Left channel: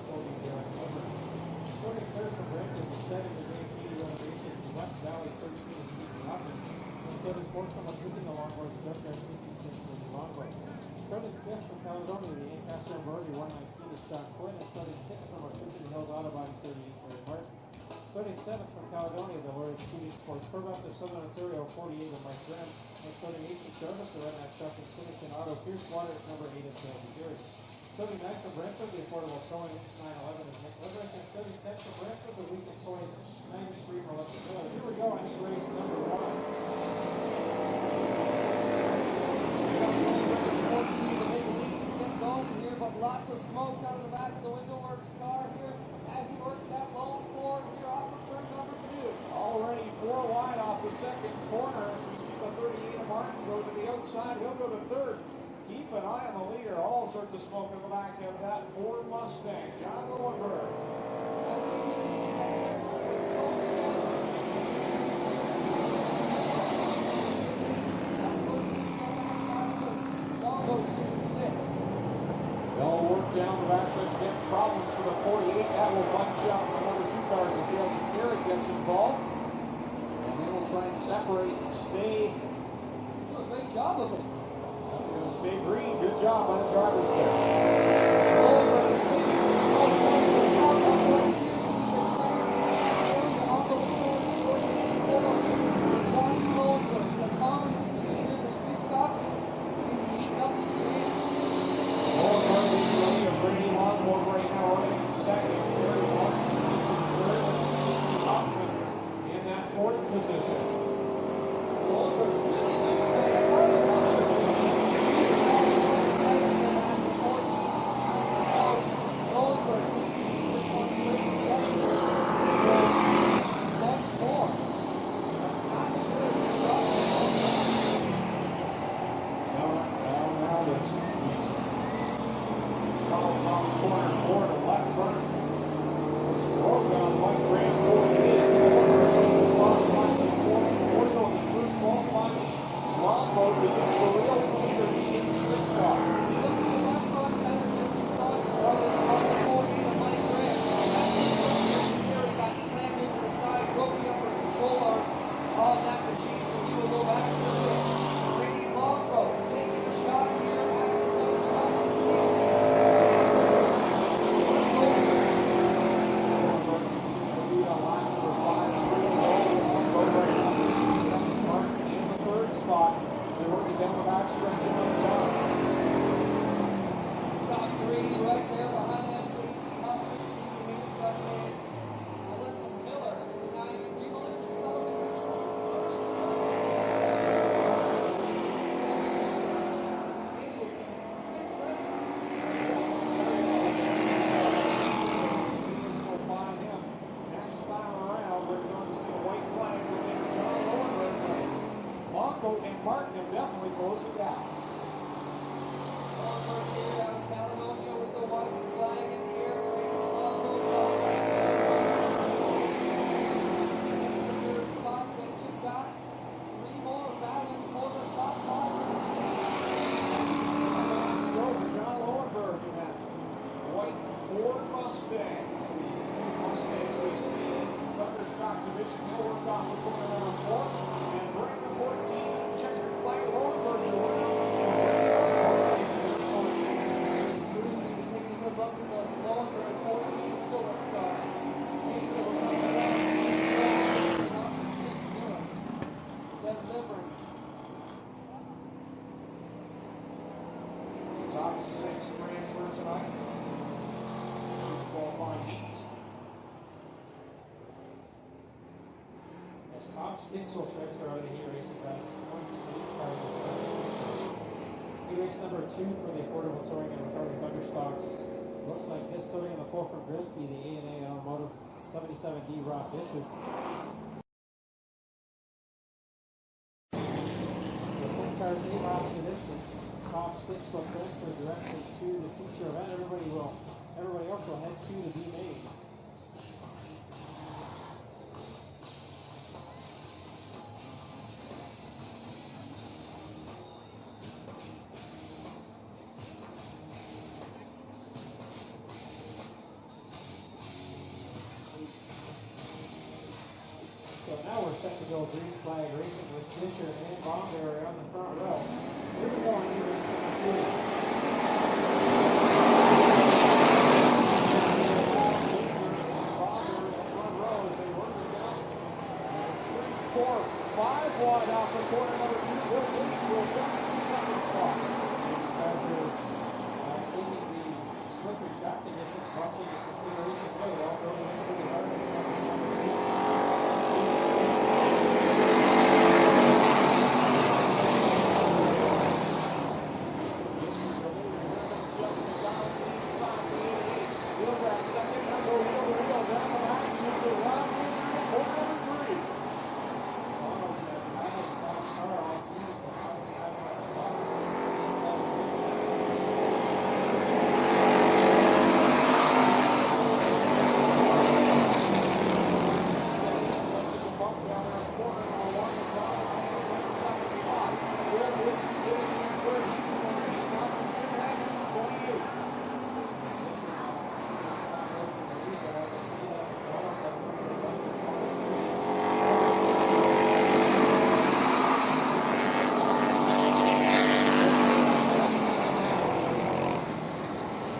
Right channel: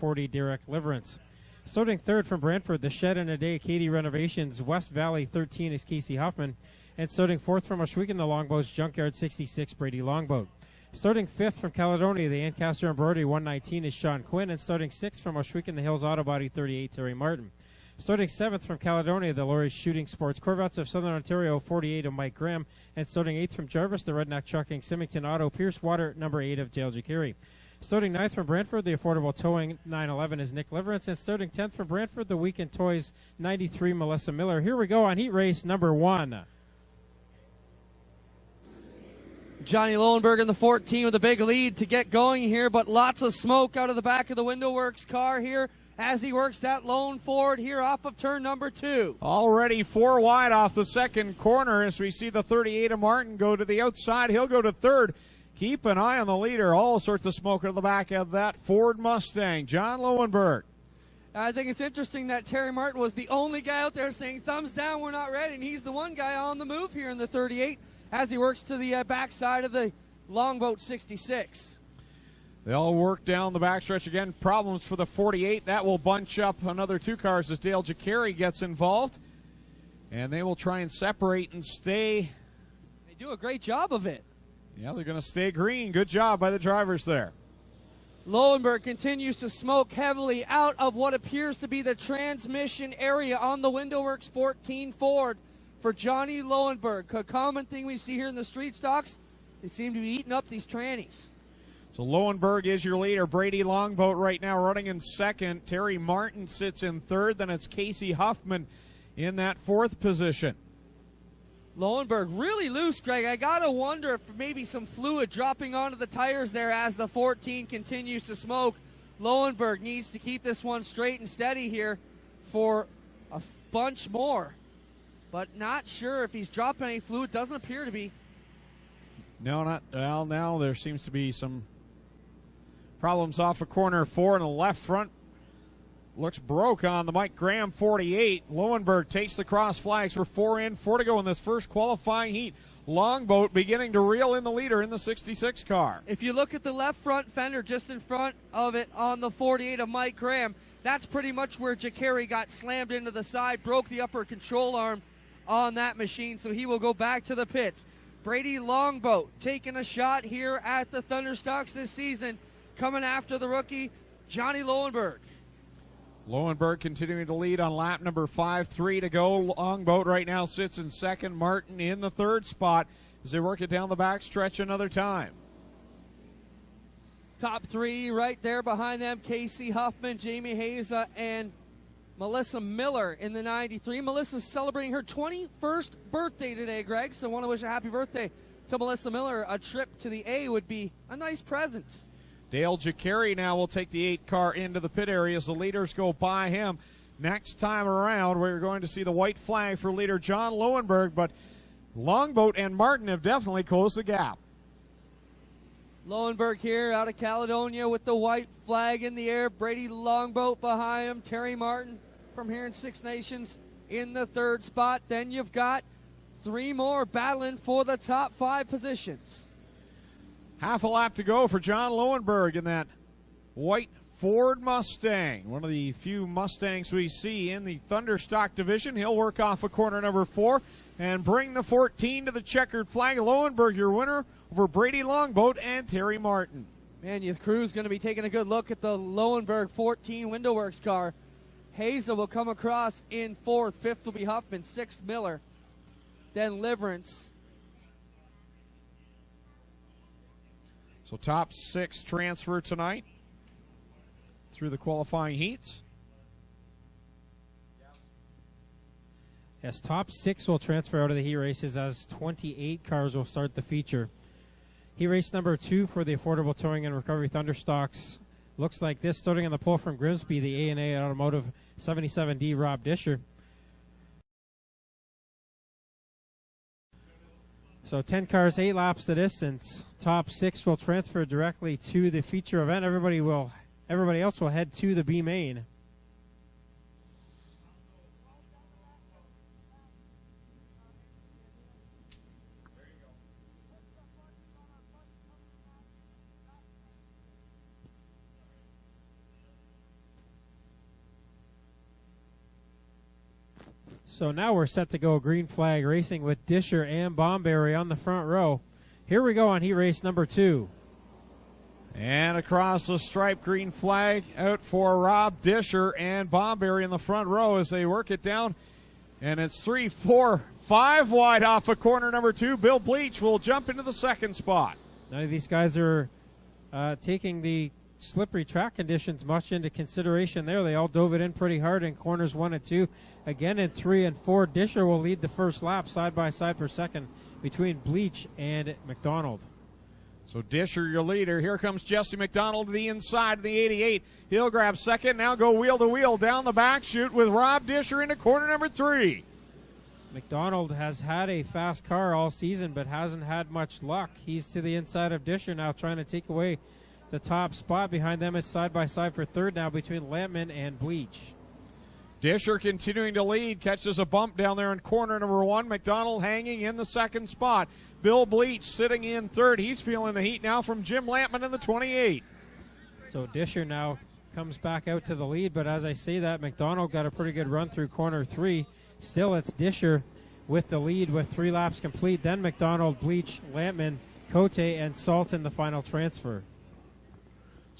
40, Direct Deliverance. Starting third from Brantford, the Shed in a Day, Katie Renovations, West Valley 13 is Casey Huffman. And starting fourth from Oshwegan, the Longboats, Junkyard 66, Brady Longboat. Starting fifth from Caledonia, the Ancaster Embroidery 119 is Sean Quinn. And starting sixth from Oshwegan, the Hills Auto Body 38, Terry Martin. Starting seventh from Caledonia, the Laurie's Shooting Sports Corvettes of Southern Ontario 48 of Mike Graham. And starting eighth from Jarvis, the Redneck Trucking Symington Auto Pierce Water number 8 of Dale Jacari. Starting ninth from Brantford, the Affordable Towing 911 is Nick Liverance. And starting 10th from Brantford, the Weekend Toys 93, Melissa Miller. Here we go on heat race number 1. Johnny Lowenberg in the 14 with a big lead to get going here, but lots of smoke out of the back of the Window Works car here as he works that lone forward here off of turn number 2. Already 4 wide off the second corner as we see the 38 of Martin go to the outside. He'll go to third. Keep an eye on the leader. All sorts of smoke in the back of that Ford Mustang. John Lowenberg. I think it's interesting that Terry Martin was the only guy out there saying, thumbs down, we're not ready. He's the one guy on the move here in the 38 as he works to the backside of the Longboat 66. They'll work down the backstretch again. Problems for the 48. That will bunch up another 2 cars as Dale Jacari gets involved. And they will try and separate and stay. They do a great job of it. Yeah, they're going to stay green. Good job by the drivers there. Lowenberg continues to smoke heavily out of what appears to be the transmission area on the Window Works 14 Ford for Johnny Lowenberg. The common thing we see here in the street stocks, you see him eating up these trannies. Lowenberg is your leader. Brady Longboat right now running in second. Terry Martin sits in third. Then it's Casey Huffman in that 4th position. Lowenberg really loose, Craig. I gotta wonder if maybe some fluid dropping onto the tires there as the 14 continues to smoke. Lowenberg needs to keep this one straight and steady here for a bunch more. But not sure if he's dropping any fluid. Doesn't appear to be. No, well, now there seems to be some problems off of corner 4 to the left front. Looks broke on the Mike Graham 48. Lowenberg takes the cross flags for 4 and 4 to go in this first qualifying heat. Longboat beginning to reel in the leader in the 66 car. If you look at the left front fender just in front of it on the 48 of Mike Graham, that's pretty much where Jacari got slammed into the side, broke the upper control arm on that machine, so he will go back to the pits. Brady Longboat taking a shot here at the Thunderstocks this season, coming after the rookie, Johnny Lowenberg. Lowenberg continuing to lead on lap number 5, 3 to go. Longboat right now sits in second. Martin in the 3rd spot as they work it down the back stretch another time. Top 3 right there behind them, Casey Huffman, Jamie Haza, and Melissa Miller in the 93. Melissa's celebrating her 21st birthday today, Greg, so we wish you a happy birthday to Melissa Miller. A trip to the A would be a nice present. Dale Jacari now will take the 8 car into the pit area as the leaders go by him. Next time around, we're going to see the white flag for leader John Lowenberg, but Longboat and Martin have definitely closed the gap. Lowenberg here out of Caledonia with the white flag in the air. Brady Longboat behind him. Terry Martin here at Six Nations in the 3rd spot. Then you've got 3 more battling for the top 5 positions. Half a lap to go for John Lowenberg in that white Ford Mustang. One of the few Mustangs we see in the Thunderstock division. He'll work off of corner number 4 and bring the 14 to the checkered flag. Lowenberg, your winner for Brady Longboat and Terry Martin. And your crew's going to be taking a good look at the Lowenberg 14 Window Works car. Hazel will come across in 4th, 5th, Huffman, 6th, Miller. Then Liverance. So top 6 transfer tonight through the qualifying heats. Yes, top 6 will transfer out of the heat races as 28 cars will start the feature. Heat race number 2 for the Affordable Towing and Recovery Thunderstocks looks like this, starting on the pole from Grimsby, the A&A Automotive 77D Rob Disher. So 10 cars, 8 laps the distance. Top 6 will transfer directly to the feature event. Everybody else will head to the B main. So now we're set to go green flag racing with Disher and Bomberry on the front row. Here we go on heat race number 2. And across the stripe, green flag for Rob Disher and Bomberry in the front row as they work it down. And it's 3, 4, 5 wide off of corner number 2. Bill Bleach will jump into the second spot. And these guys are taking the slippery track conditions much into consideration there. They all dove it in pretty hard in corners 1 and 2. Again in 3 and 4, Disher will lead the first lap. Side by side the second between Bleach and McDonald. So Disher, your leader. Here comes Jesse McDonald to the inside of the 88. He'll grab second. Now go wheel to wheel down the back chute with Rob Disher into corner number 3. McDonald has had a fast car all season but hasn't had much luck. He's to the inside of Disher now, trying to take away the top spot behind him. Side by side the third now between Landman and Bleach. Disher continuing to lead, catches a bump down there in corner number 1. McDonald hanging in the second spot. Bill Bleach sitting in third. He's feeling the heat now from Jim Lampman in the 28. So Disher now comes back out to the lead, but as I say that, McDonald got a pretty good run through corner 3. Still, it's Disher with the lead with 3 laps complete. Then McDonald, Bleach, Landman, Cote, and Salt in the final transfer.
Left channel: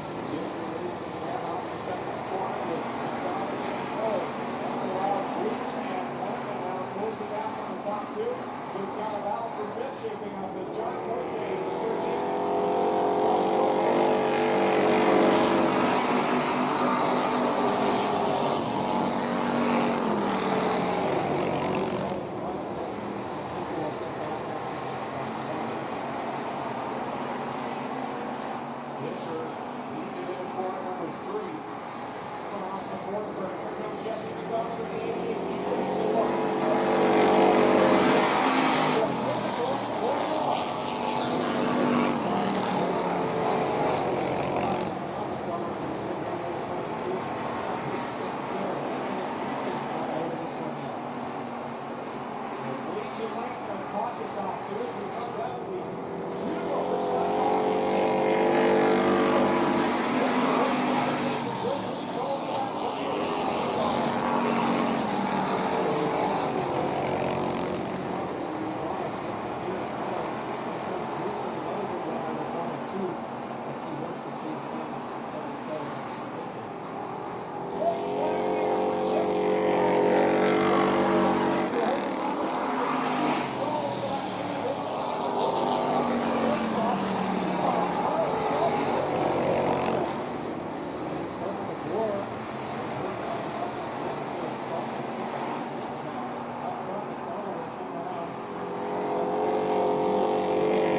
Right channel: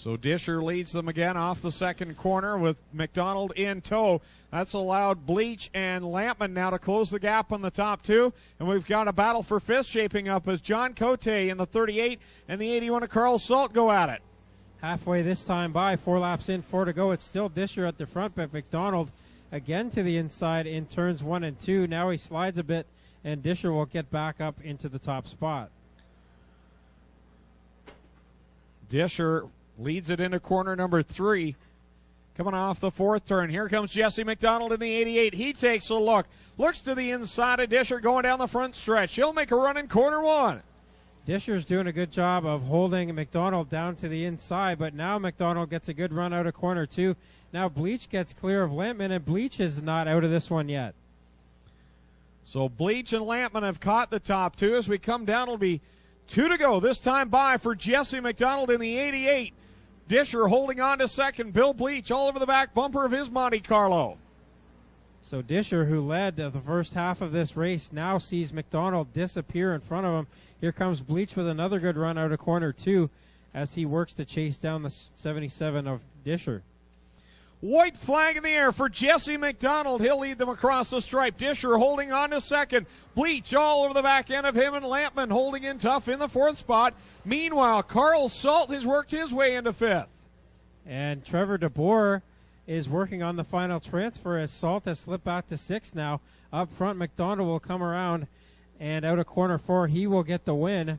So Disher leads them again off the second corner with McDonald in tow. That's allowed Bleach and Lampman now to close the gap on the top 2. And we've got a battle for 5th shaping up as John Cote in the 38 and the 81 of Carl Salt go at it. After this time by, 4 laps in, 4 to go. It's still Disher at the front, but McDonald again to the inside in turns 1 and 2. Now he slides a bit, and Disher will get back up into the top spot. Disher leads it into corner number 3. Coming off the 4th turn. Here comes Jesse McDonald in the 88. He takes a look. Looks to the inside of Disher going down the front stretch. He'll make a run in corner 1. Disher's doing a good job of holding McDonald down to the inside, but now McDonald gets a good run out of corner 2. Now Bleach gets clear of Lampman, and Bleach is not out of this one yet. So Bleach and Lampman have caught the top 2. As we come down, it'll be 2 to go. This time by for Jesse McDonald in the 88. Disher holding on to second. Bill Bleach all over the back bumper of his Monte Carlo. So Disher, who led the first half of this race, now sees McDonald disappear in front of him. Here comes Bleach with another good run out of corner 2 as he works to chase down the 77 of Disher. White flag in the air for Jesse McDonald. He'll lead them across the stripe. Disher holding on to second. Bleach all over the back end of him, and Lampman holding it tough in the 4th spot. Meanwhile, Carl Salt has worked his way into 5th. And Trevor DeBoer is working on the final transfer as Salt has slipped back to 6th now. Up front, McDonald will come around, and out of corner 4, he will get the win.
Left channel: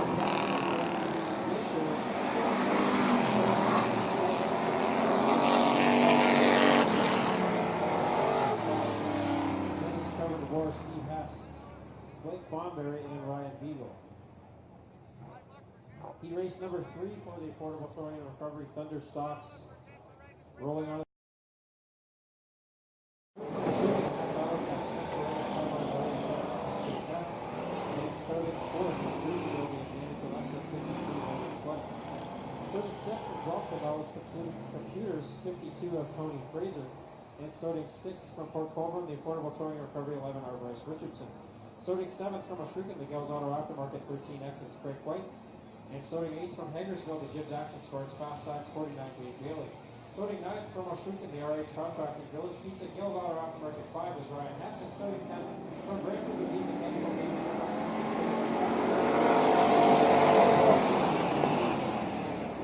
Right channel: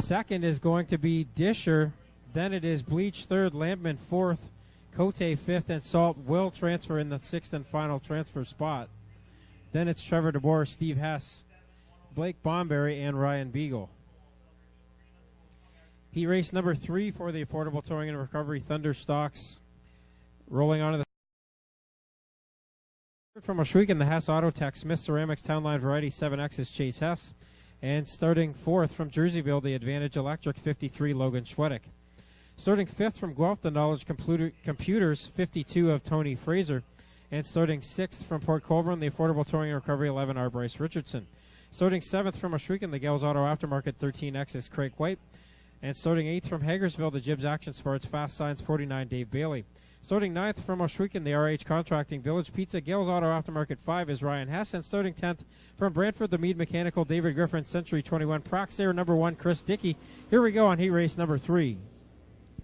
Second is going to be Disher. Then it is Bleach 3rd, Lampman 4th. Cote 5th, and Salt will transfer in the 6th and final transfer spot. Then it's Trevor DeBoer, Steve Hess, Blake Bomberry, and Ryan Beagle. Heat race number 3 for the Affordable Towing and Recovery Thunderstocks. Rolling onto the from Oshwegan, the Hess Auto Tech, Smith Ceramics Townline Variety 7X is Chase Hess. And starting 4th from Jerseyville, the Advantage Electric 53, Logan Schwedick. Starting 5th from Guelph, the Knowledge Computers 52 of Tony Fraser. And starting 6th from Port Colborne, the Affordable Towing and Recovery 11 are Bryce Richardson. Starting 7th from Oshwegan, the Gales Auto Aftermarket 13X is Craig White. And starting 8th from Hagersville, the Jibs Action Sports Fast Signs 49, Dave Bailey. Starting 9th from Oshwegan, the RH Contracting Village Pizza Gales Auto Aftermarket 5 is Ryan Hess. And starting 10th from Brantford, the Mead Mechanical David Griffin Century 21 Praxair number 1 Chris Dickey. Here we go on heat race number 3.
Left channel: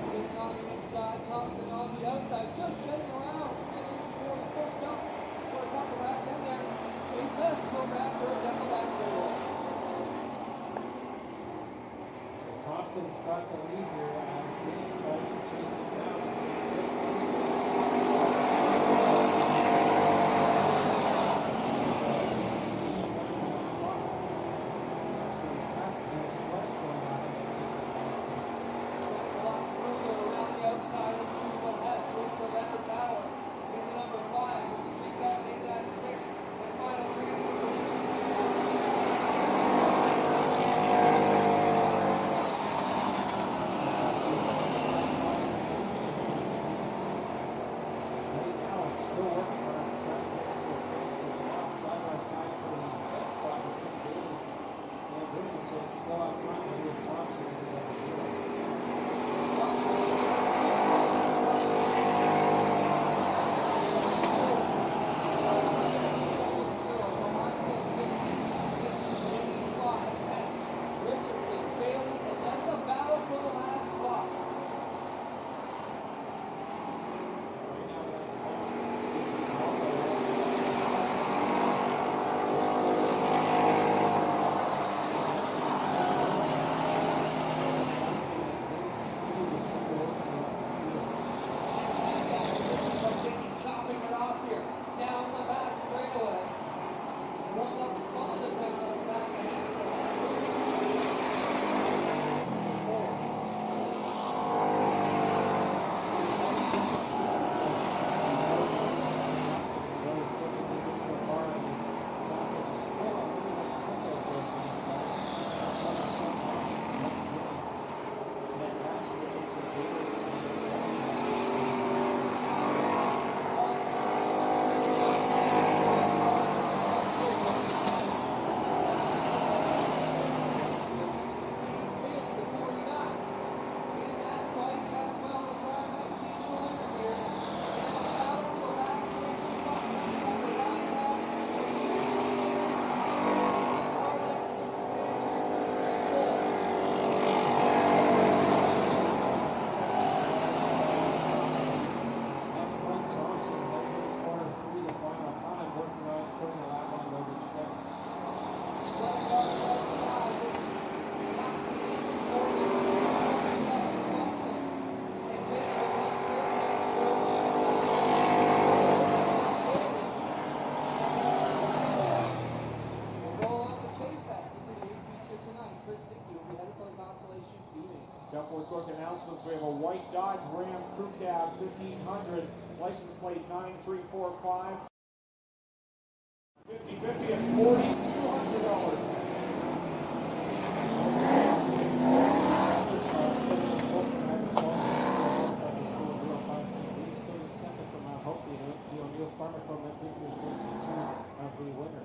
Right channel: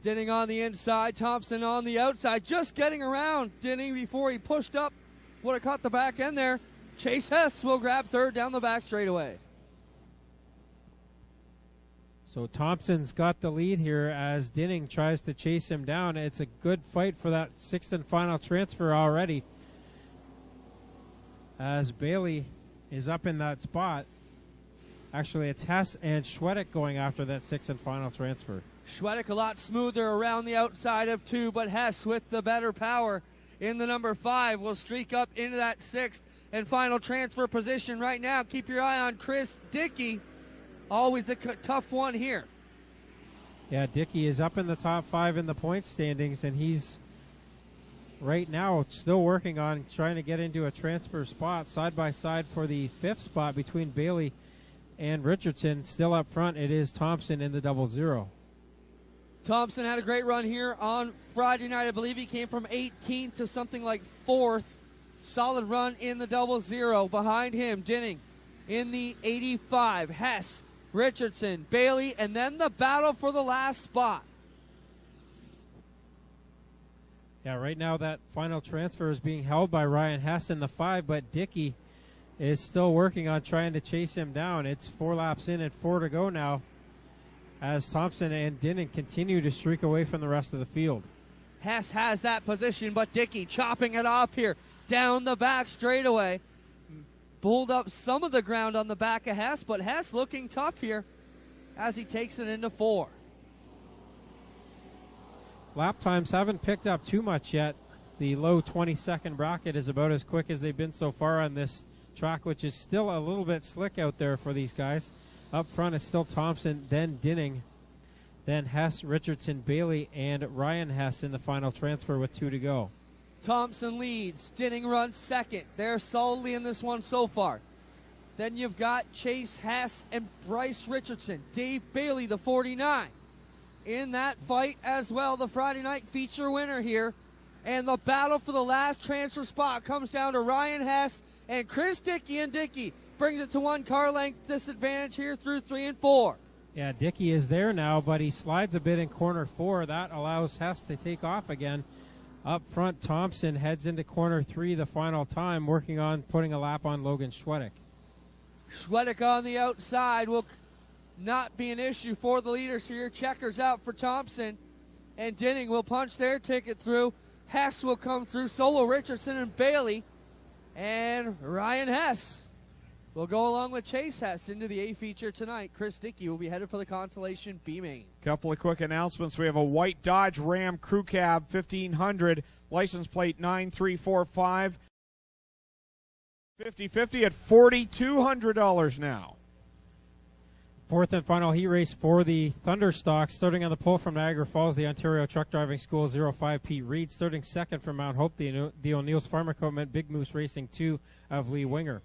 Denning on the inside, Thompson on the outside, just getting around Denning before he pushed up. Would have caught the back end there. Chase Hess will grab 3rd down the back straightaway. So Thompson's got the lead here as Dinning tries to chase him down. It's a good fight for that 6th and final transfer already. As Bailey is up in that spot. Actually, it's Hess and Schwedick going after that 6th and final transfer. Schwedick a lot smoother around the outside of 2, but Hess with the better power in the number 5 will streak up into that 6th and final transfer position right now. Keep your eye on Chris Dickey. Always a tough one here. Yeah, Dickey is up in the top 5 in the point standings, and he's right now still working on trying to get into a transfer spot side by side for the 5th spot between Bailey and Richardson. Still up front, it is Thompson in the 0-0. Thompson had a great run here on Friday night. I believe he came from 18th to something like 4th. Solid run in the 0-0. Behind him, Dinning in the 85. Hess, Richardson, Bailey, and then the battle for the last spot. Yeah, right now that final transfer is being held by Ryan Hess in the 5, but Dickey is still working on trying to chase him down. It's 4 laps in and 4 to go now as Thompson and Dinning continue to streak away from the rest of the field. Hess has that position, but Dickey chopping it off here down the back straightaway. Pulled up some of the ground on the back of Hess, but Hess looking tough here as he takes it into 4. Lap times haven't picked up too much yet. The low 20-second rocket is about as quick as they've been so far on this track, which is still a little bit slick out there for these guys. Up front is still Thompson, then Dinning, then Hess, Richardson, Bailey, and Ryan Hess in the final transfer with 2 to go. Thompson leads, Dinning runs second. They're solidly in this one so far. Then you've got Chase Hess and Bryce Richardson. Dave Bailey, the 49, in that fight as well. The Friday night feature winner here. And the battle for the last transfer spot comes down to Ryan Hess and Chris Dickey and Dickey. Bring it to 1 car length disadvantage here through 3 and 4. Yeah, Dickey is there now, but he slides a bit in corner 4. That allows Hess to kick off again. Up front, Thompson heads into corner 3 the final time, working on putting a lap on Logan Schwedick. Schwedick on the outside will not be an issue for the leaders here. Checkers out for Thompson, and Dinning will punch their ticket through. Hess will come through, so will Richardson and Bailey, and Ryan Hess will go along with Chase Hess into the A feature tonight. Chris Dickey will be headed for the consolation B main. Couple of quick announcements. We have a white Dodge Ram Crew Cab 1500, license plate 9345. 50/50 at $4,200 now. 4th and final heat race for the Thunderstock, starting on the pole from Niagara Falls, the Ontario Truck Driving School 05 Pete Reed, starting 2nd from Mount Hope, the O'Neill's Farm Equipment Big Moose Racing 2 of Lee Winger.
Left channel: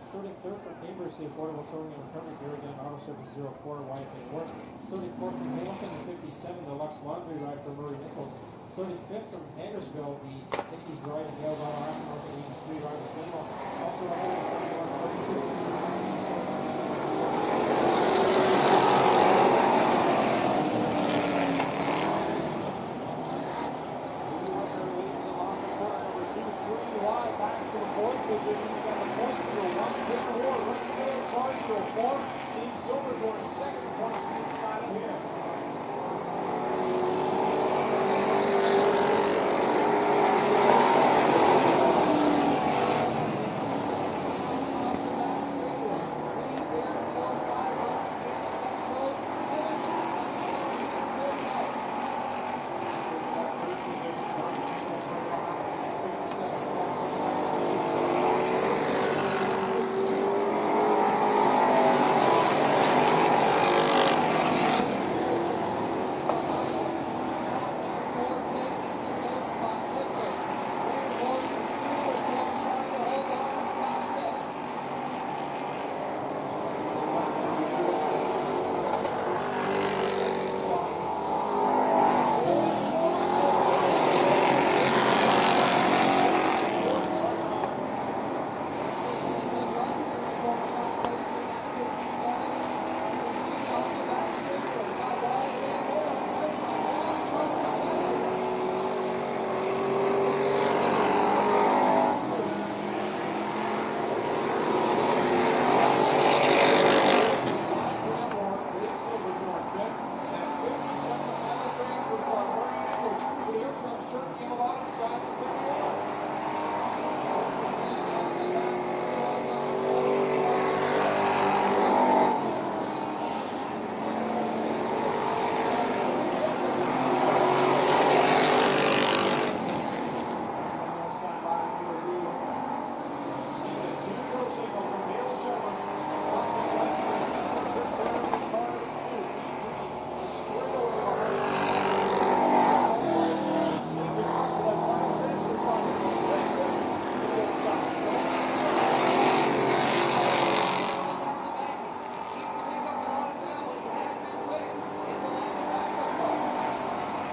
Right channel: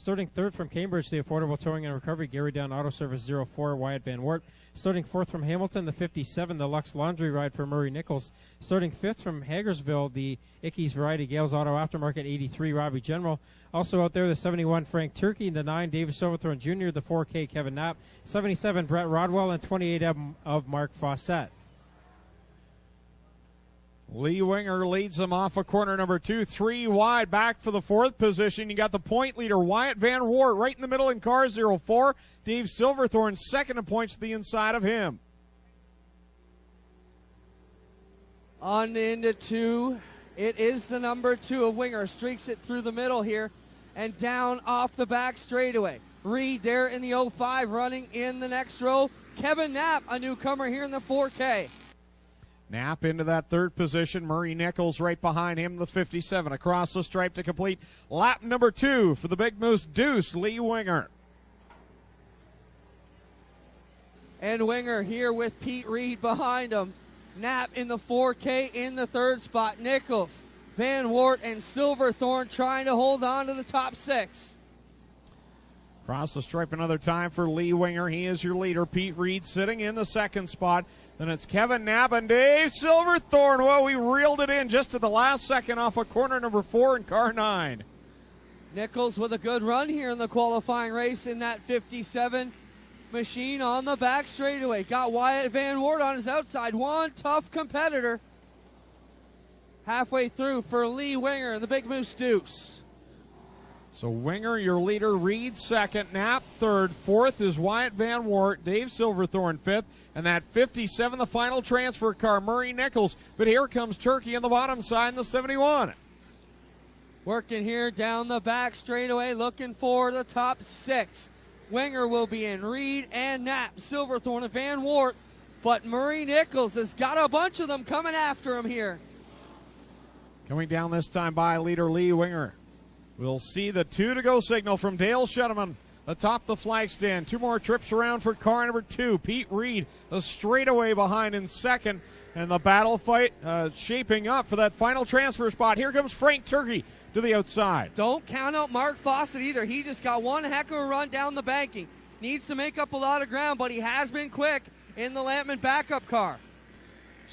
Starting 3rd from Cambridge, the Affordable Towing and Recovery, Gary Down Auto Service 04, Wyatt Van Wert. Starting 4th from Hamilton, the 57, the Lux Laundry Ride for Murray Nichols. Starting 5th from Hagersville, the Ickes Variety Gales Auto Aftermarket 83, Robbie General. Also out there, the 71, Frank Turkey, the 9, David Silverthorne Jr., the 4K, Kevin Knapp, 77, John Rodwell, the 28 of Mark Fossett. Lee Winger leads them off of corner number 2, 3 wide back for the 4th position. You got the point leader, Wyatt Van Wart, right in the middle in car 04. Dave Silverthorne, 2nd in points to the inside of him. On into 2, it is the number 2 Winger, streaks it through the middle here, and down off the back straightaway. Reed there in the 05, running in the next row. Kevin Knapp, a newcomer here in the 4K. Knapp into that 3rd position. Murray Nichols right behind him in the 57. Across the stripe to complete lap number 2 for the Big Moose Deuce, Lee Winger. And Winger here with Pete Reed behind him. Knapp in the 4K in the 3rd spot. Nichols, Van Wart, and Silverthorne trying to hold on to the top 6. Across the stripe another time for Lee Winger. He is your leader. Pete Reed sitting in the 2nd spot. Then it's Kevin Knapp and Dave Silverthorne. Well, we reeled it in just in the last second off of corner number 4 in car 9. Nichols with a good run here in the qualifying race in that 57 machine on the back straightaway. Got Wyatt Van Wart on his outside. One tough competitor. Halfway through for Lee Winger, the Big Moose Deuce. So Winger, your leader, Reed 2nd. Knapp 3rd. 4th is Wyatt Van Wart. Dave Silverthorne 5th. And that 57, the final transfer car, Murray Nichols. But here comes Turkey on the bottom side in the 71. Working here down the back straightaway, looking for the top 6. Winger will be in. Reed and Knapp, Silverthorne and Van Wart. But Murray Nichols has got a bunch of them coming after him. Going down this time by leader Lee Winger. We'll see the 2 to go signal from Dale Shuttleman. the top of the flag stand. 2 more trips around for car number 2. Pete Reed, the straightaway behind in second. And the battle fight shaping up for that final transfer spot. Here comes Frank Turkey to the outside. Don't count on Mark Foster either. He's got one heck of a run down the banking. Needs to make up a lot of ground, but he has been quick in the Lampman backup car.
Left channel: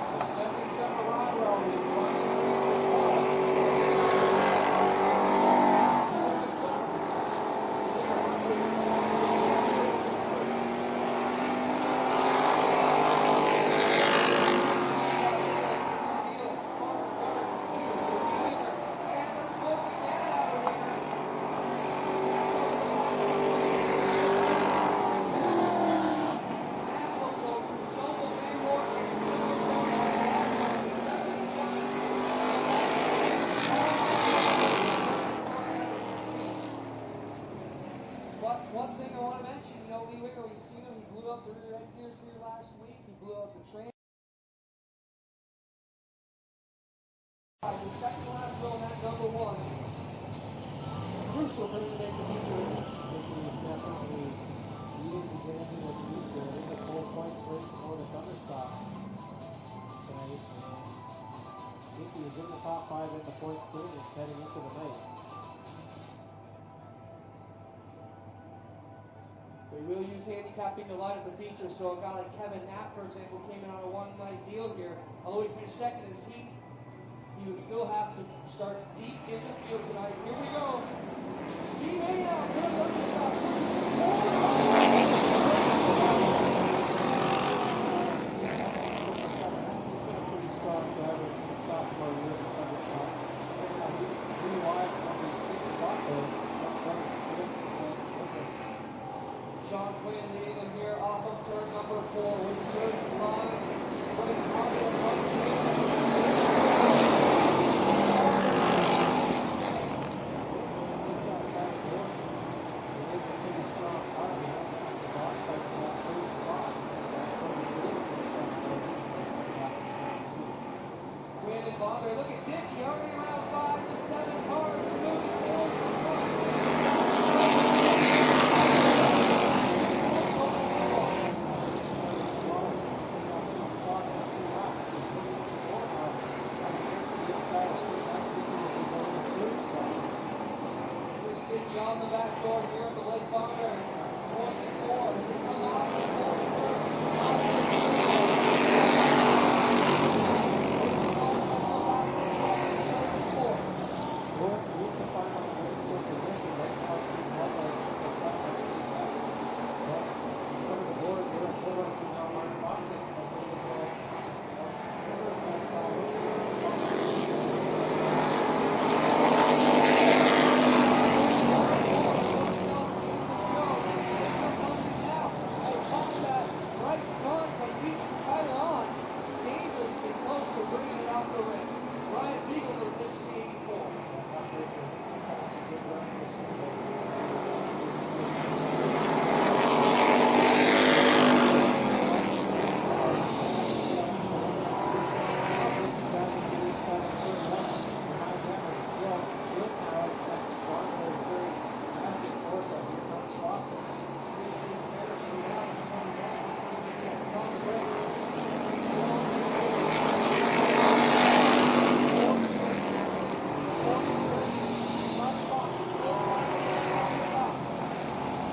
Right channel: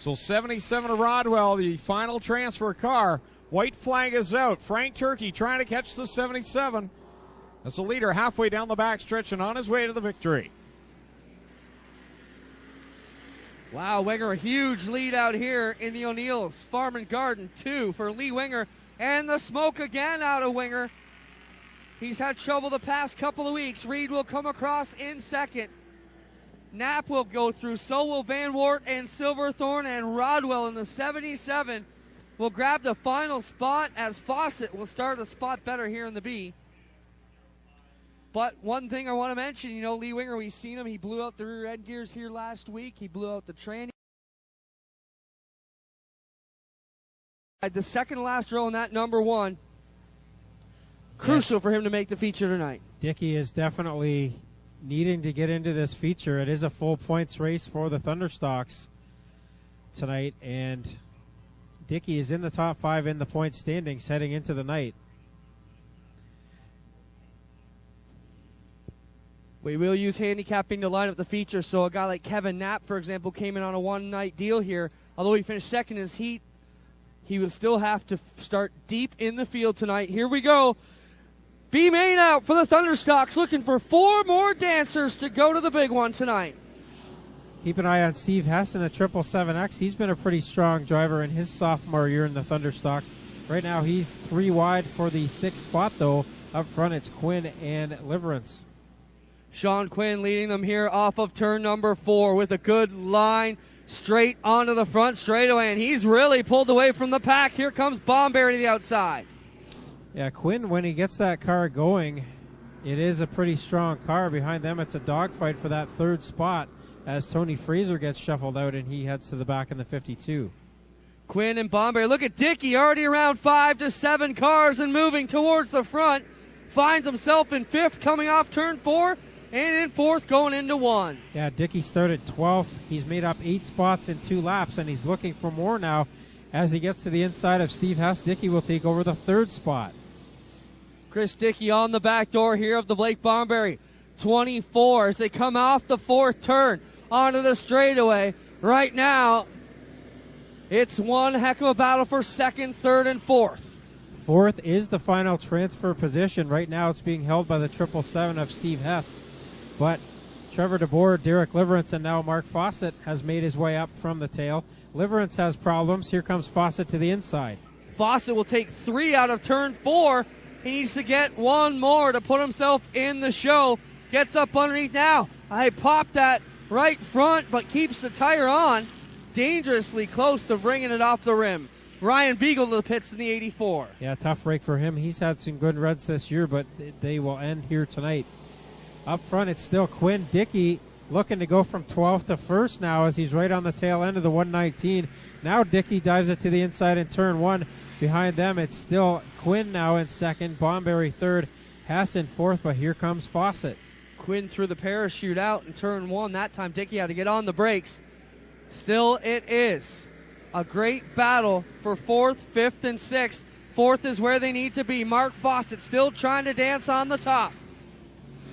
So 77 to Rodwell, the final transfer car. White flag is out. Frank Turkey trying to catch the 77. It's a leader halfway down the backstretch and on his way to the victory. Now Winger, huge lead out here in the O'Neill's Farm and Garden 2 for Lee Winger. And the smoke again out of Winger. He's had trouble the past couple of weeks. Reed will come across in second. Knapp will go through, so will Van Wart and Silverthorne, and Rodwell in the 77 will grab the final spot as Fawcett will start a spot better here in the B. But one thing I want to mention, you know, Lee Winger, we've seen him. He blew out the rear end gears here last week. He blew out the tranny. The second last row in that number 1. Crucial for him to make the feature tonight. Dickey is definitely needing to get into this feature. It is a full points race for the Thunderstocks tonight, and Dickey is in the top 5 in the point standings heading into the night. We will use handicapping to line up the feature, so a guy like Kevin Knapp, for example, came in on a one-night deal here. Although he finished second in his heat, he will still have to start deep in the field tonight. Here we go. B main out for the Thunderstocks, looking for 4 more dancers to go to the big one tonight. Keep an eye on Steve Hess in the 777X. He's been a pretty strong driver in his sophomore year in the Thunderstocks. Right now he's 3 wide for the 6th spot, though. Up front it's Quinn and Liverance. Sean Quinn leading them here off of turn number 4 with a good line straight onto the front straightaway, and he's really pulled away from the pack. Here comes Bomberry to the outside. Yeah, Quinn, when he gets that car going, it is a pretty strong car. Behind them, it's a dogfight for that 3rd spot as Tony Fraser gets shuffled out and he heads to the back of the 52. Quinn and Bomberry. Look at Dickey, already around 5 to 7 cars and moving towards the front. Finds himself in 5th coming off turn 4, and in 4th going into 1. Yeah, Dickey started 12th. He's made up 8 spots in 2 laps, and he's looking for more now. As he gets to the inside of Steve Hess, Dickey will take over the 3rd spot. Chris Dickey on the back door here of the Blake Bomberry. 24 as they come off the 4th turn onto the straightaway. Right now, it's one heck of a battle for 2nd, 3rd, and 4th. 4th is the final transfer position. Right now it's being held by the 777 of Steve Hess. But Trevor DeBoer, Derek Liverance, and now Mark Fawcett has made his way up from the tail. Liverance has problems. Here comes Fawcett to the inside. Fawcett will take 3 out of turn 4. He needs to get 1 more to put himself in the show. Gets up underneath now. I popped that right front, but keeps the tire on. Dangerously close to bringing it off the rim. Ryan Beagle to the pits in the 84. Yeah, tough break for him. He's had some good runs this year, but they will end here tonight. Up front, it's still Quinn Dickey looking to go from 12th to 1st now as he's right on the tail end of the 119. Now Dickey dives it to the inside in turn 1. Behind them, it's still Quinn now in 2nd, Bomberry 3rd, Haas in 4th, but here comes Fawcett. Quinn threw the parachute out in turn 1. That time Dickey had to get on the brakes. Still, it is a great battle for 4th, 5th, and 6th. 4th is where they need to be. Mark Fawcett still trying to dance on the top.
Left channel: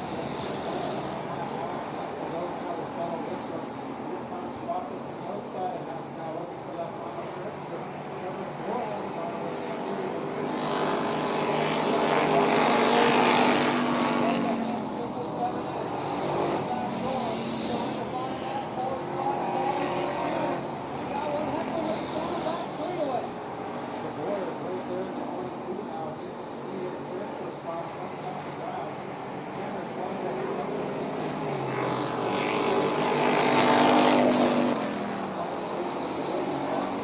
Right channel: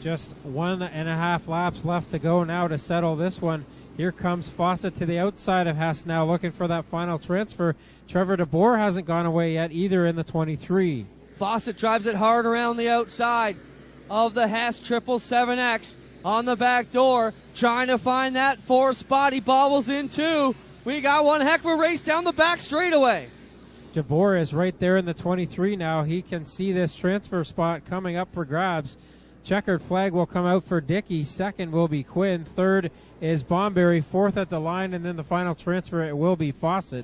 Just 1.5 laps left to go now to settle this one. Here comes Fawcett to the outside of Hess now, looking for that final transfer. Trevor DeBoer hasn't gone away yet either in the 23. Fawcett drives it hard around the outside of the Hess 777X on the back door, trying to find that 4th spot. He bobbles in 2. We got one heck of a race down the back straightaway. DeBoer is right there in the 23 now. He can see this transfer spot coming up for grabs. Checkered flag will come out for Dickey. 2nd will be Quinn. 3rd is Bomberry. 4th at the line, and then the final transfer, it will be Fawcett.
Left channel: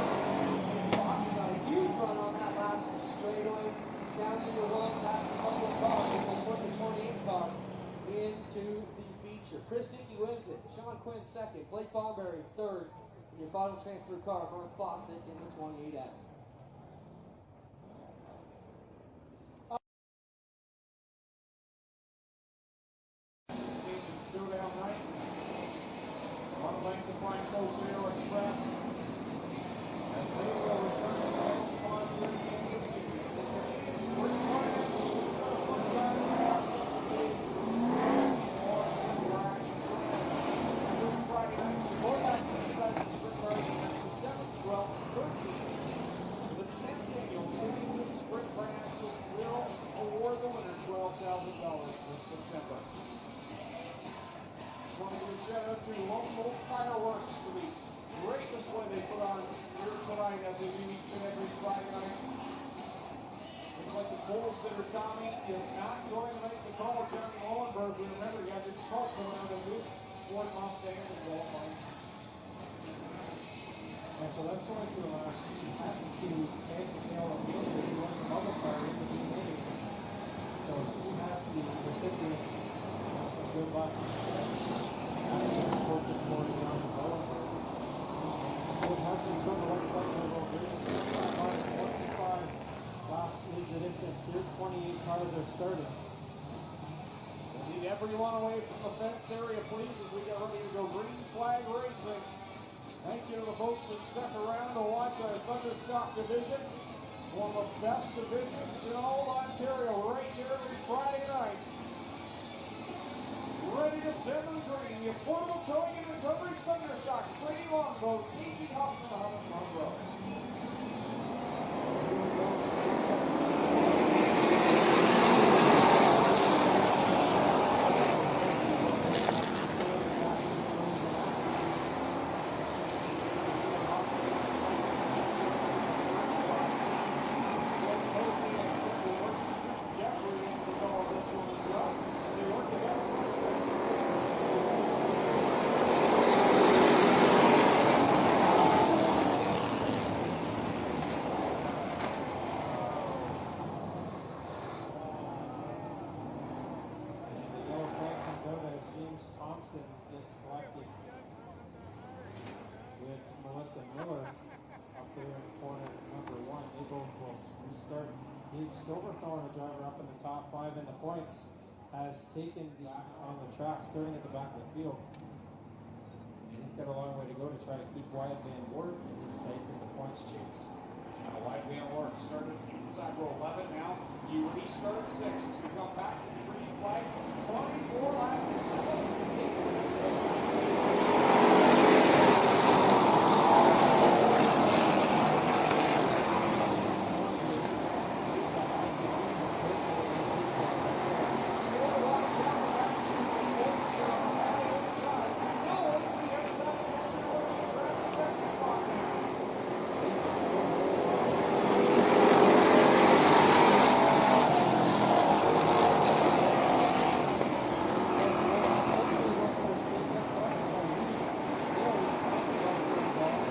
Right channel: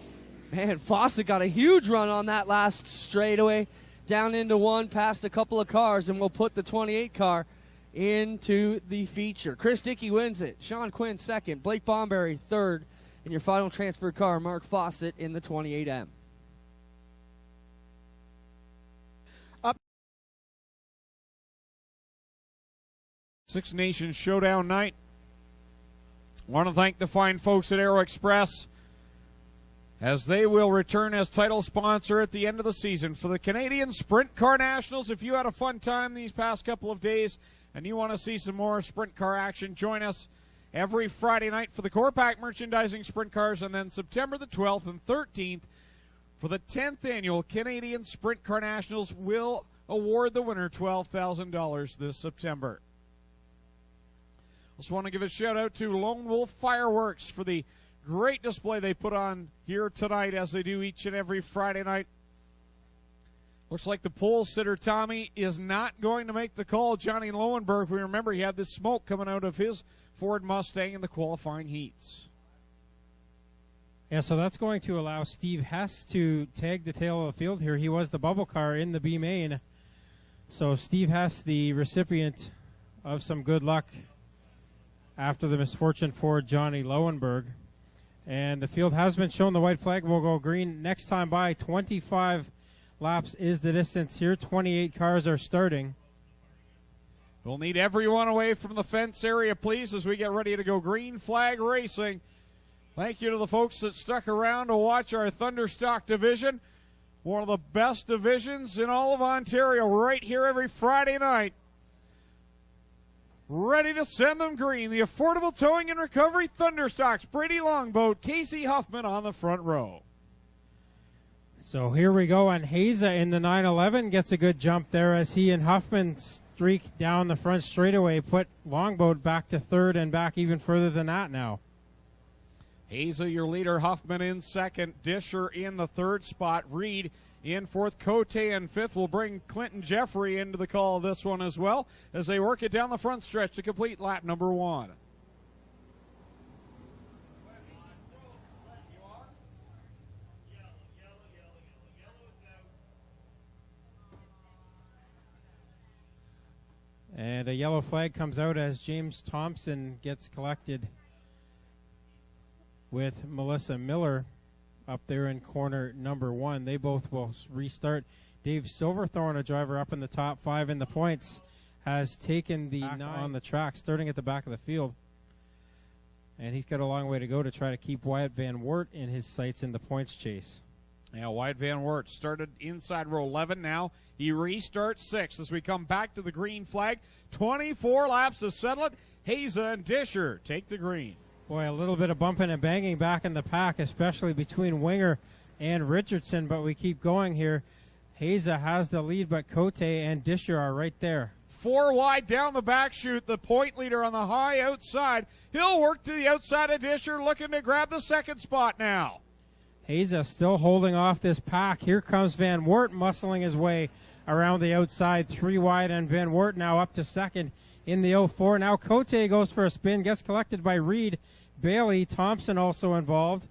Man, Fawcett got a huge run on that last straightaway. Down into 1, past a couple of cars, and we'll put the 28 car into the feature. Chris Dickey wins it. Sean Quinn 2nd. Blake Bomberry 3rd. And your final transfer car, Mark Fawcett in the 28M. Six Nations Showdown night. I want to thank the fine folks at Aero Express as they will return as title sponsor at the end of the season for the Canadian Sprint Car Nationals. If you had a fun time these past couple of days and you want to see some more sprint car action, join us every Friday night for the Corpac merchandising sprint cars, and then September the 12th and 13th for the 10th annual Canadian Sprint Car Nationals. Will award the winner $12,000 this September. Just want to give a shout out to Lone Wolf Fireworks for the great display they put on here tonight, as they do each and every Friday night. Looks like the pole sitter Tommy is not going to make the call. Johnny Lowenberg, we remember he had this smoke coming out of his Ford Mustang in the qualifying heats. Yeah, so that's going to allow Steve Hess to tag the tail of the field here. He was the bubble car in the B main. So Steve Hess, the recipient of some good luck after the misfortune for Johnny Lowenberg. And the field has been shown. The white flag will go green next time by. 25 laps is the distance here. 28 cars are starting. We'll need everyone away from the fence area, please, as we get ready to go green flag racing. Thank you to the folks that stuck around to watch our Thunderstock division. One of the best divisions in all of Ontario, right here every Friday night. Ready to send them green. The Affordable Towing and Recovery Thunderstocks. Brady Longboat, Casey Huffman on the front row. So here we go, and Haza in the 911 gets a good jump there as he and Huffman streak down the front straightaway, put Longboat back to third and back even further than that now. Haza, your leader, Huffman in second, Disher in the third spot, Reed in fourth, Cote in fifth. Will bring Clinton Jeffrey into the call of this one as well, as they work it down the front stretch to complete lap number one. And a yellow flag comes out as James Thompson gets collected with Melissa Miller up there in corner number one. They both will restart. Dave Silverthorne, a driver up in the top five in the points, has taken the 9 on the track, starting at the back of the field. And he's got a long way to go to try to keep Wyatt Van Wert in his sights in the points chase. Now Wyatt Van Wert started inside row 11 now. He restarts 6 as we come back to the green flag. 24 laps to settle it. Haza and Disher take the green. A little bit of bumping and banging back in the pack, especially between Winger and Richardson, but we keep going here. Haza has the lead, but Cote and Disher are right there. 4 wide down the back chute, the point leader on the high outside. He'll work to the outside of Disher, looking to grab the second spot now. Haza still holding off this pack. Here comes Van Wert, looks on his way around the outside, 3 wide, and Van Wert now up to second in the 04. Now Cote goes for a spin, gets collected by Reed. Bailey, Thompson also involved.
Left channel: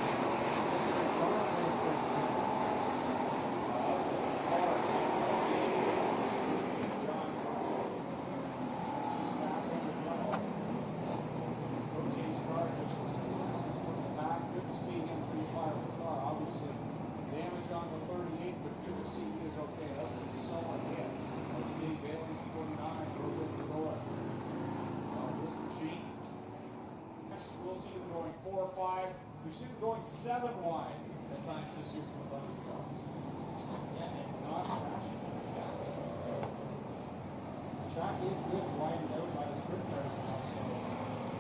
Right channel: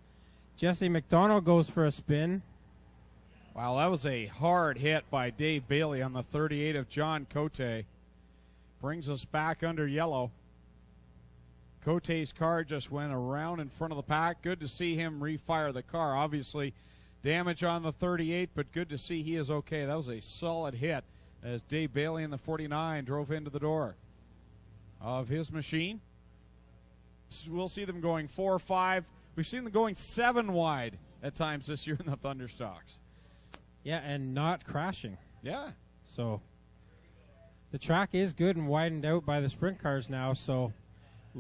Jesse McDonald goes for a spin. Well, that was a hard hit by Dave Bailey on the 38 of John Cote. Brings us back under yellow. Cote's car just went around in front of the pack. Good to see him refire the car. Obviously, damage on the 38, but good to see he is okay. That was a solid hit as Dave Bailey in the 49 drove into the door of his machine. We'll see them going 4, 5. We've seen them going 7 wide at times this year in the Thunderstocks. Yeah, and not crashing. Yeah. So the track is good and widened out by the sprint cars now, so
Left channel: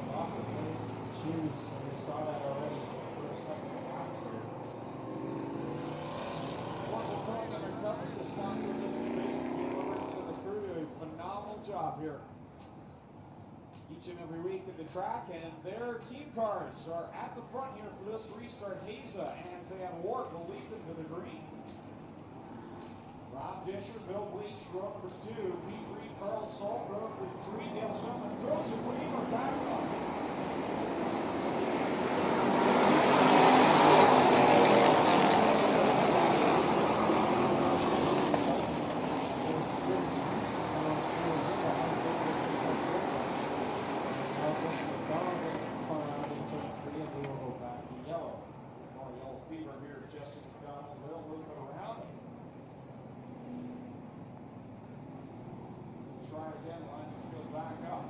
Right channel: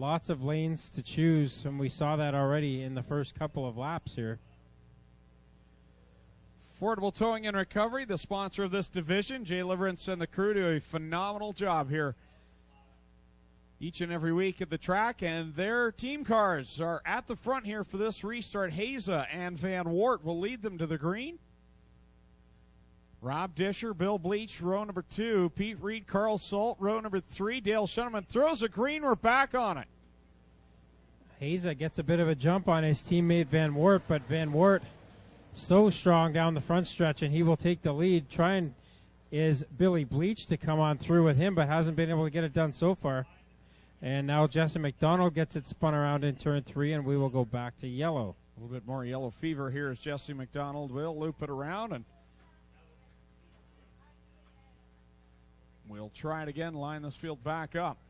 lots of lanes to choose, and we saw that already in the first couple of laps here. Affordable Towing and Recovery, the sponsor of this division. Jay Liverance and the crew do a phenomenal job here each and every week at the track, and their team cars are at the front here for this restart. Haza and Van Wert will lead them to the green. Rob Disher, Bill Bleach, row number 2. Pete Reed, Carl Salt, row number 3. Dale Shuneman throws a green. We're back on it. Haza gets a bit of a jump on his teammate Van Wert, but Van Wert so strong down the front stretch, and he will take the lead. Trying is Billy Bleach to come on through with him, but hasn't been able to get it done so far. And now Jesse McDonald gets it spun around in turn 3, and we will go back to yellow. A little bit more yellow fever here as Jesse McDonald will loop it around, and we'll try it again, line this field back up.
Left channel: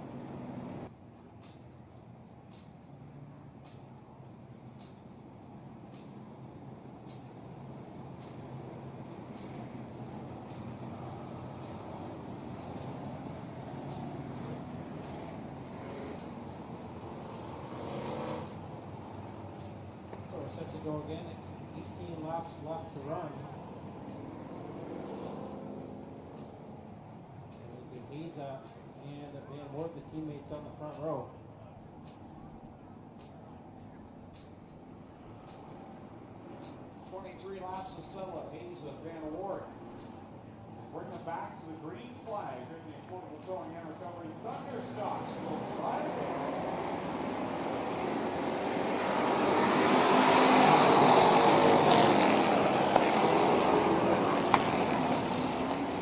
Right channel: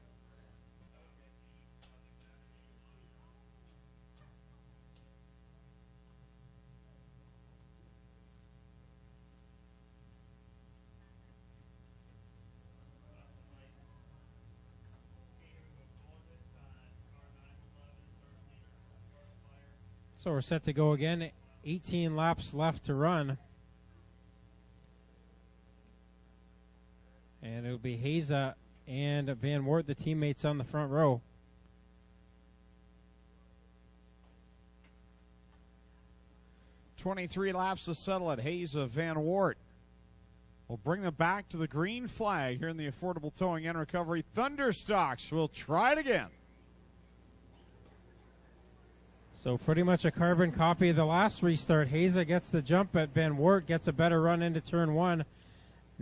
So we're set to go again. 18 laps left to run. And it'll be Haza and Van Wart, the teammates on the front row. "23 laps to settle it. Haza, Van Wart will bring them back to the green flag here in the Affordable Towing and Recovery. Thunderstocks will try it again. So pretty much a carbon copy of the last restart. Haza gets the jump, but Van Wart gets a better run into turn one.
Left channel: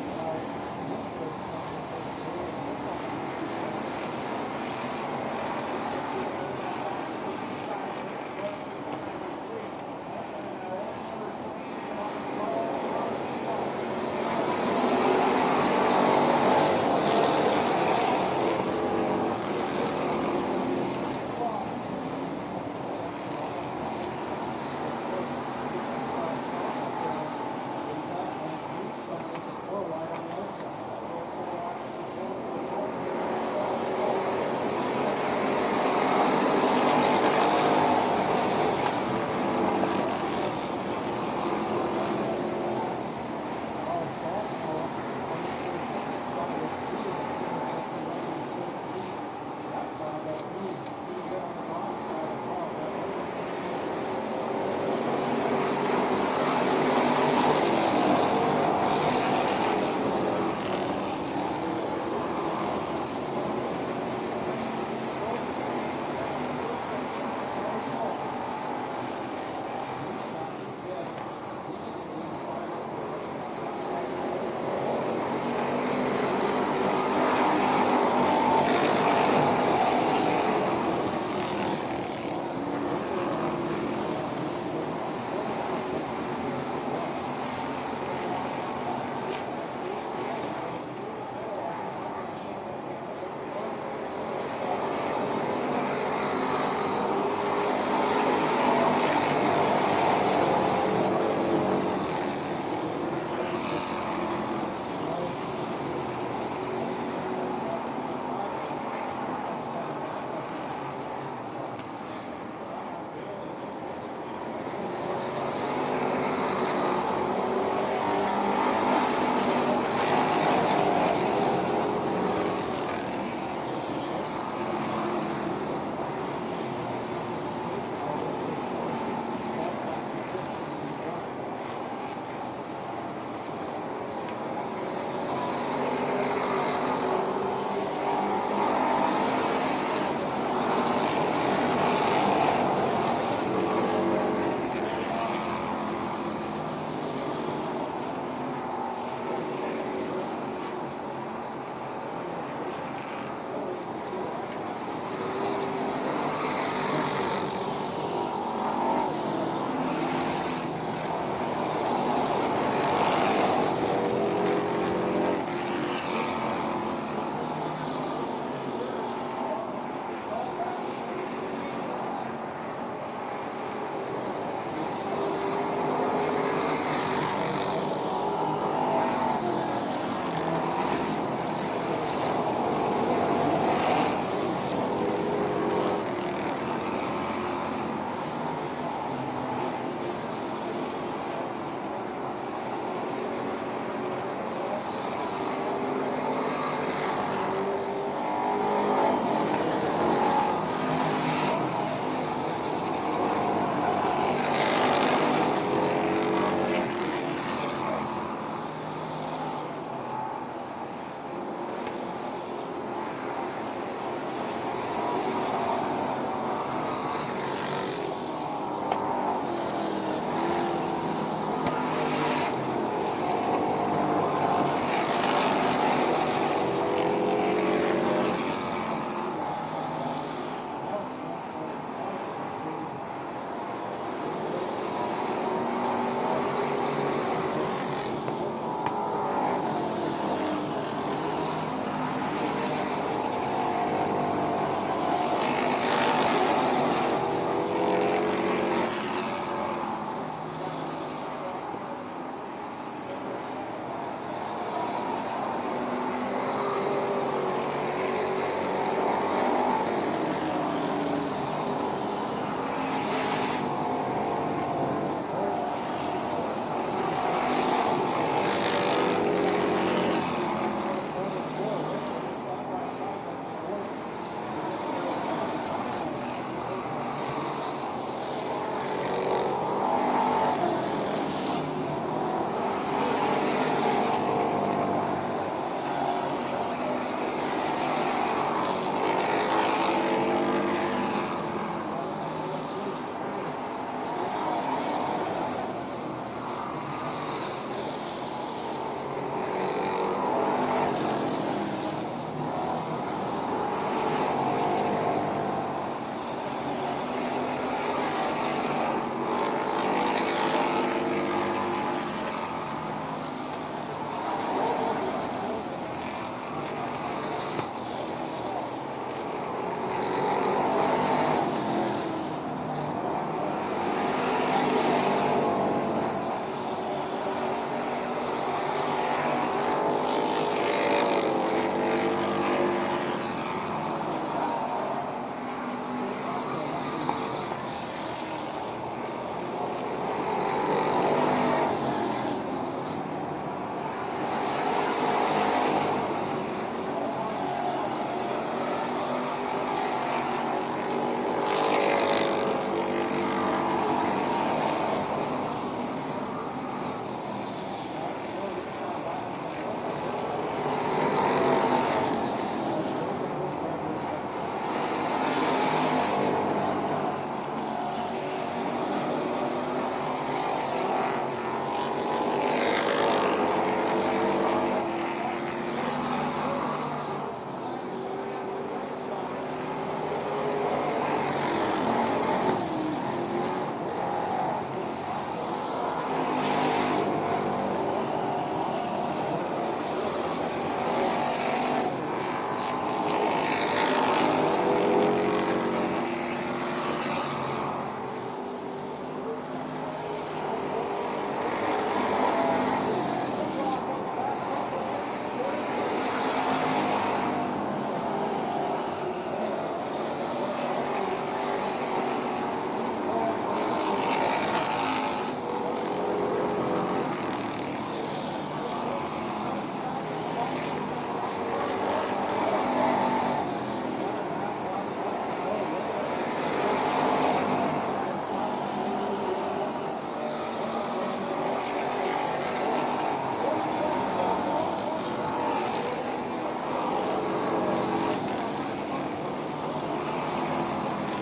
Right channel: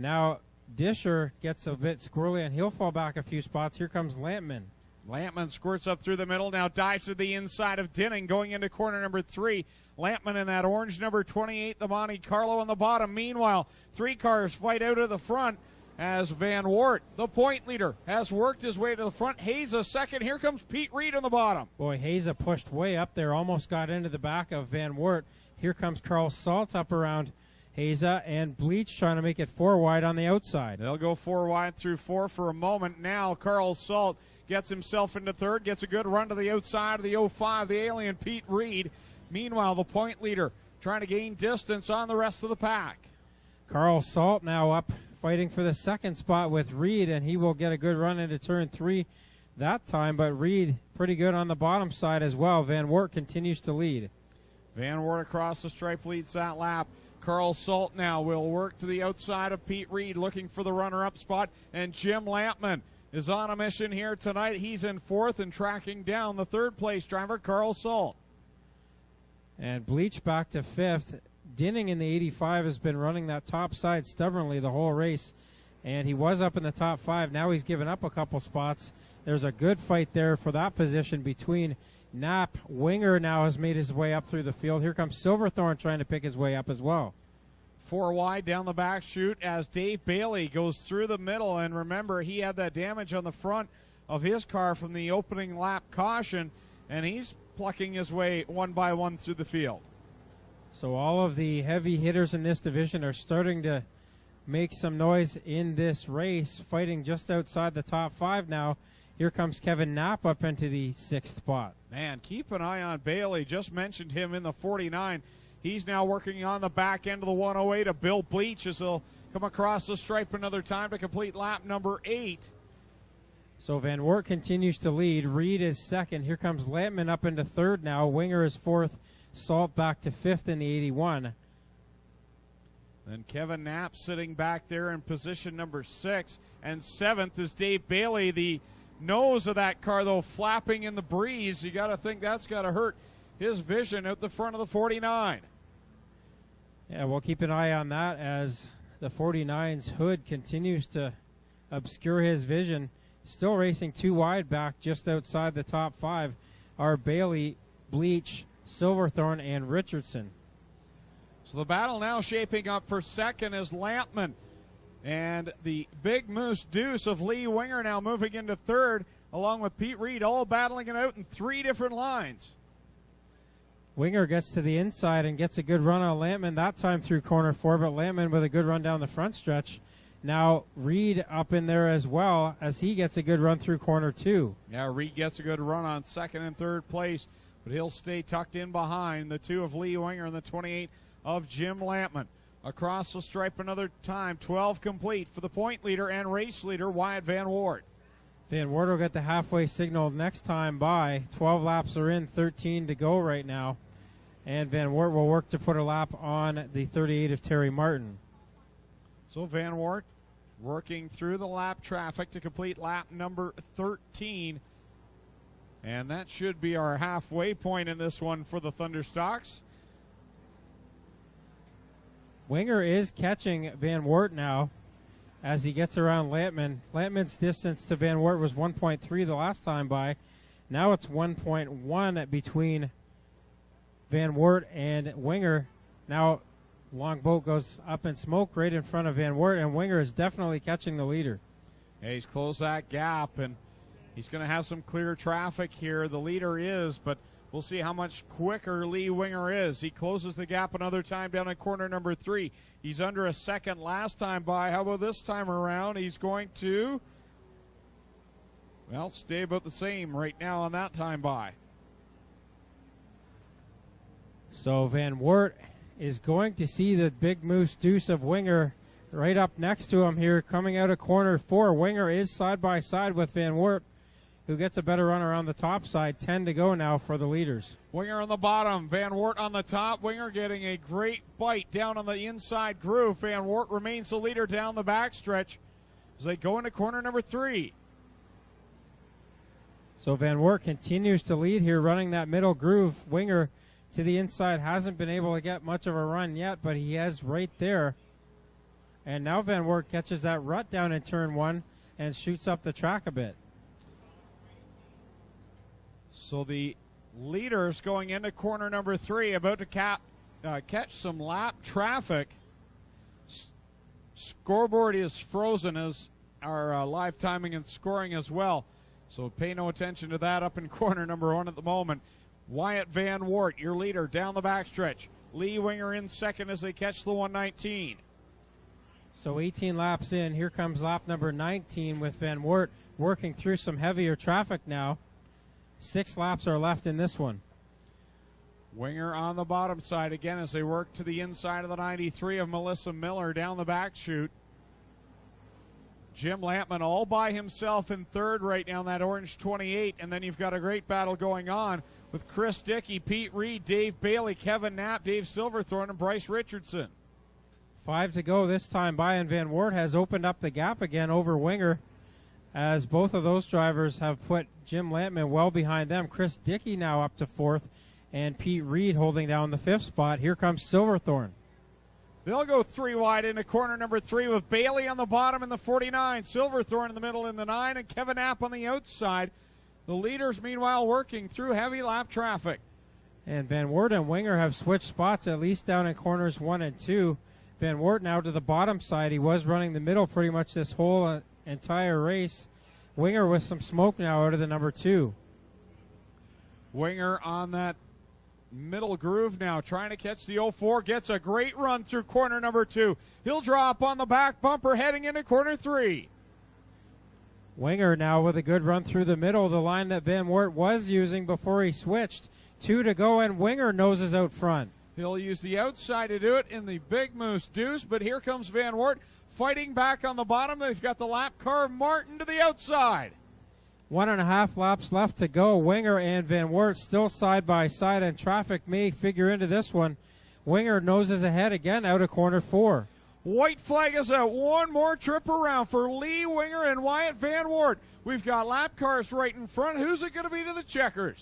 Now Disher gets a bit squirrely and he'll fall back a few spots. Here comes Lampman. Lampman squirts up through the middle, now dives to the inside of Dinning, going into corner number 3. Lampman in that orange number 28, the Monte Carlo on the bottom. Meanwhile, 3 cars fight out of the front as Van Wart, the point leader, has worked his way to the front. Haza second. Here comes Pete Reed on the bottom. Boy, Haza pushed way up there, almost got into the back of Van Wart. Here comes Carl Salt up around Haza, and Bleach trying to make it 4 wide on the outside. They'll go 4 wide through 4 for a moment. Now Carl Salt gets himself in the third, gets a good run to the outside. The 05 alien Pete Reed. Meanwhile, the point leader trying to gain distance on the rest of the pack. Carl Salt now up fighting for the second spot with Reed, and he will get a good run into turn 3 that time, but Reed pretty good on the bottom side as well. Van Wart continues to lead. Van Wart across the straight inside now. Carl Salt now will run to the outside of Pete Reed, looking for the runner-up spot, and Jim Lampman is on a mission here tonight. He's in 4th and tracking down the 3rd place driver, Carl Salt. And Bleach back to 5th. Dinning in the 85 has been running that top side stubbornly the whole race. And he was up in the top 5. Now he's given up a couple spots. There's a good fight there for that position between Knapp. Winger now has made his way up through the field. Here comes Silverthorne trying to pick his way up as well. 4 wide down the back chute as Dave Bailey goes through the middle. And remember, he had that damage on the front of his car from the opening lap caution. And he's plucking his way one by one through the field. All of the heavy hitters in this division are starting to make some noise in this race, fighting just outside the top 5 now. Here comes Kevin Knapp up into the 6th spot. Man, keep an eye on Bailey. Just mentioned him in the 49. He's now working on the back end of the 108 to Bill Bleach as he'll come across the stripe another time in lap number 8. So Van Wart continues to lead. Reed is 2nd. Here comes Lampman up into 3rd now. Winger is 4th. Salt back to 5th in the 81. And Kevin Knapp sitting back there in position number 6. And 7th is Dave Bailey. The nose of that car, though, flapping in the breeze. You gotta think that's gonna hurt his vision of the front of the 49. Yeah, we'll keep an eye on that as the 49's hood continues to obscure his vision. Still racing 2 wide back just outside the top 5 are Bailey, Bleach, Silverthorne, and Richardson. The battle now shaping up for 2nd is Lampman. And the big Moose Deuce of Lee Winger now moving into 3rd, along with Pete Reed, all battling it out in 3 different lines. Winger gets to the inside and gets a good run on Lampman, that time through corner 4, but Lampman with a good run down the front stretch. Now Reed up in there as well as he gets a good run through corner 2. Now Reed gets a good run on 2nd and 3rd place. He'll stay tucked in behind the 2 of Lee Winger, the 28 of Jim Lampman. Across the stripe another time, 12 complete for the point leader and race leader, Ryan Van Wart. Van Wart will get the halfway signal next time by. 12 laps are in, 13 to go right now. And Van Wart will look to put a lap on in 38 of Terry Martin. So Van Wart working through the lap traffic to complete lap number 13. And that should be our halfway point in this one for the Thunderstocks. Winger is catching Van Wart now as he gets around Lampman. Lampman's distance to Van Wart was 1.3 the last time by. Now it's 1.1 between Van Wart and Winger. Now one boat goes up in smoke right in front of Van Wart, and Winger is definitely catching the leader. He's closed that gap, and he's going to have some clear traffic here. Here he is, but we'll see how much Winger is. He closes the gap another time down at corner number 3. He's under a 2nd last time by. How about this time around? He's going to stay with the same right now on that time by. So Van Wert is going to see the big loose deuce of Winger right up next to him here, coming out of corner 4. Winger is side by side with Van Wert, who gets a better runner on the top side. 10 to go now for the leaders. Winger on the bottom, Van Wert on the top. Winger getting a great fight down on the inside groove. Van Wert remains the leader down the backstretch as they go into corner number 3. So Van Wert continues to lead here, running that middle groove. Winger to the inside hasn't been able to get much of a run yet, but he has right there. And now Van Wert catches that run down in turn 1 and shoots up the track a bit. So the leader is going into corner number 3, about to catch some lap traffic. Scoreboard is frozen as our live timing and scoring as well. So pay no attention to that up in corner number 1 at the moment. Wyatt Van Wert, your leader, down the backstretch. Lee Winger in second as they catch the 119. So 18 laps in, here comes lap number 19 with Van Wert working through some heavier traffic now. 6 laps are left in this one. Winger on the bottom side again as they work to the inside of the 93 of Melissa Miller down the back chute. Jim Lampman all by himself in third right now in that orange 28, and then you've got a great battle going on with Chris Dickey, Pete Reed, Dave Bailey, Kevin Knapp, Dave Silverthorne, and Bryce Richardson. 5 to go this time by, and Van Wert has opened up the gap again over Winger, as both of those drivers have put Jim Lampman well behind them. Chris Dickey now up to 4th, and Pete Reed holding down the 5th spot. Here comes Silverthorne. They'll go 3 wide into corner number 3 with Bailey on the bottom in the 49, Silverthorne in the middle in the 9, and Kevin Knapp on the outside. The leaders, meanwhile, working through heavy lap traffic. And Van Wert and Winger have switched spots, at least down in corners 1 and 2. Van Wert now to the bottom side. He was running the middle pretty much this whole entire race. Winger with some smoke now out of the number 2. Winger on that middle groove now, trying to catch the 04, gets a great run through corner number 2. He'll drop on the back bumper heading into corner 3. Winger now with a good run through the middle, the line that Van Wert was using before he switched. 2 to go, and Winger noses out front. He'll use the outside to do it in the big moose deuce, but here comes Van Wert fighting back on the bottom. They've got the lap car Martin to the outside. 1.5 laps left to go. Winger and Van Wert still side by side, and traffic may figure into this one. Winger noses ahead again out of corner 4. White flag is out. One more trip around for Lee Winger and Wyatt Van Wert. We've got lap cars right in front. Who's it going to be to the checkers?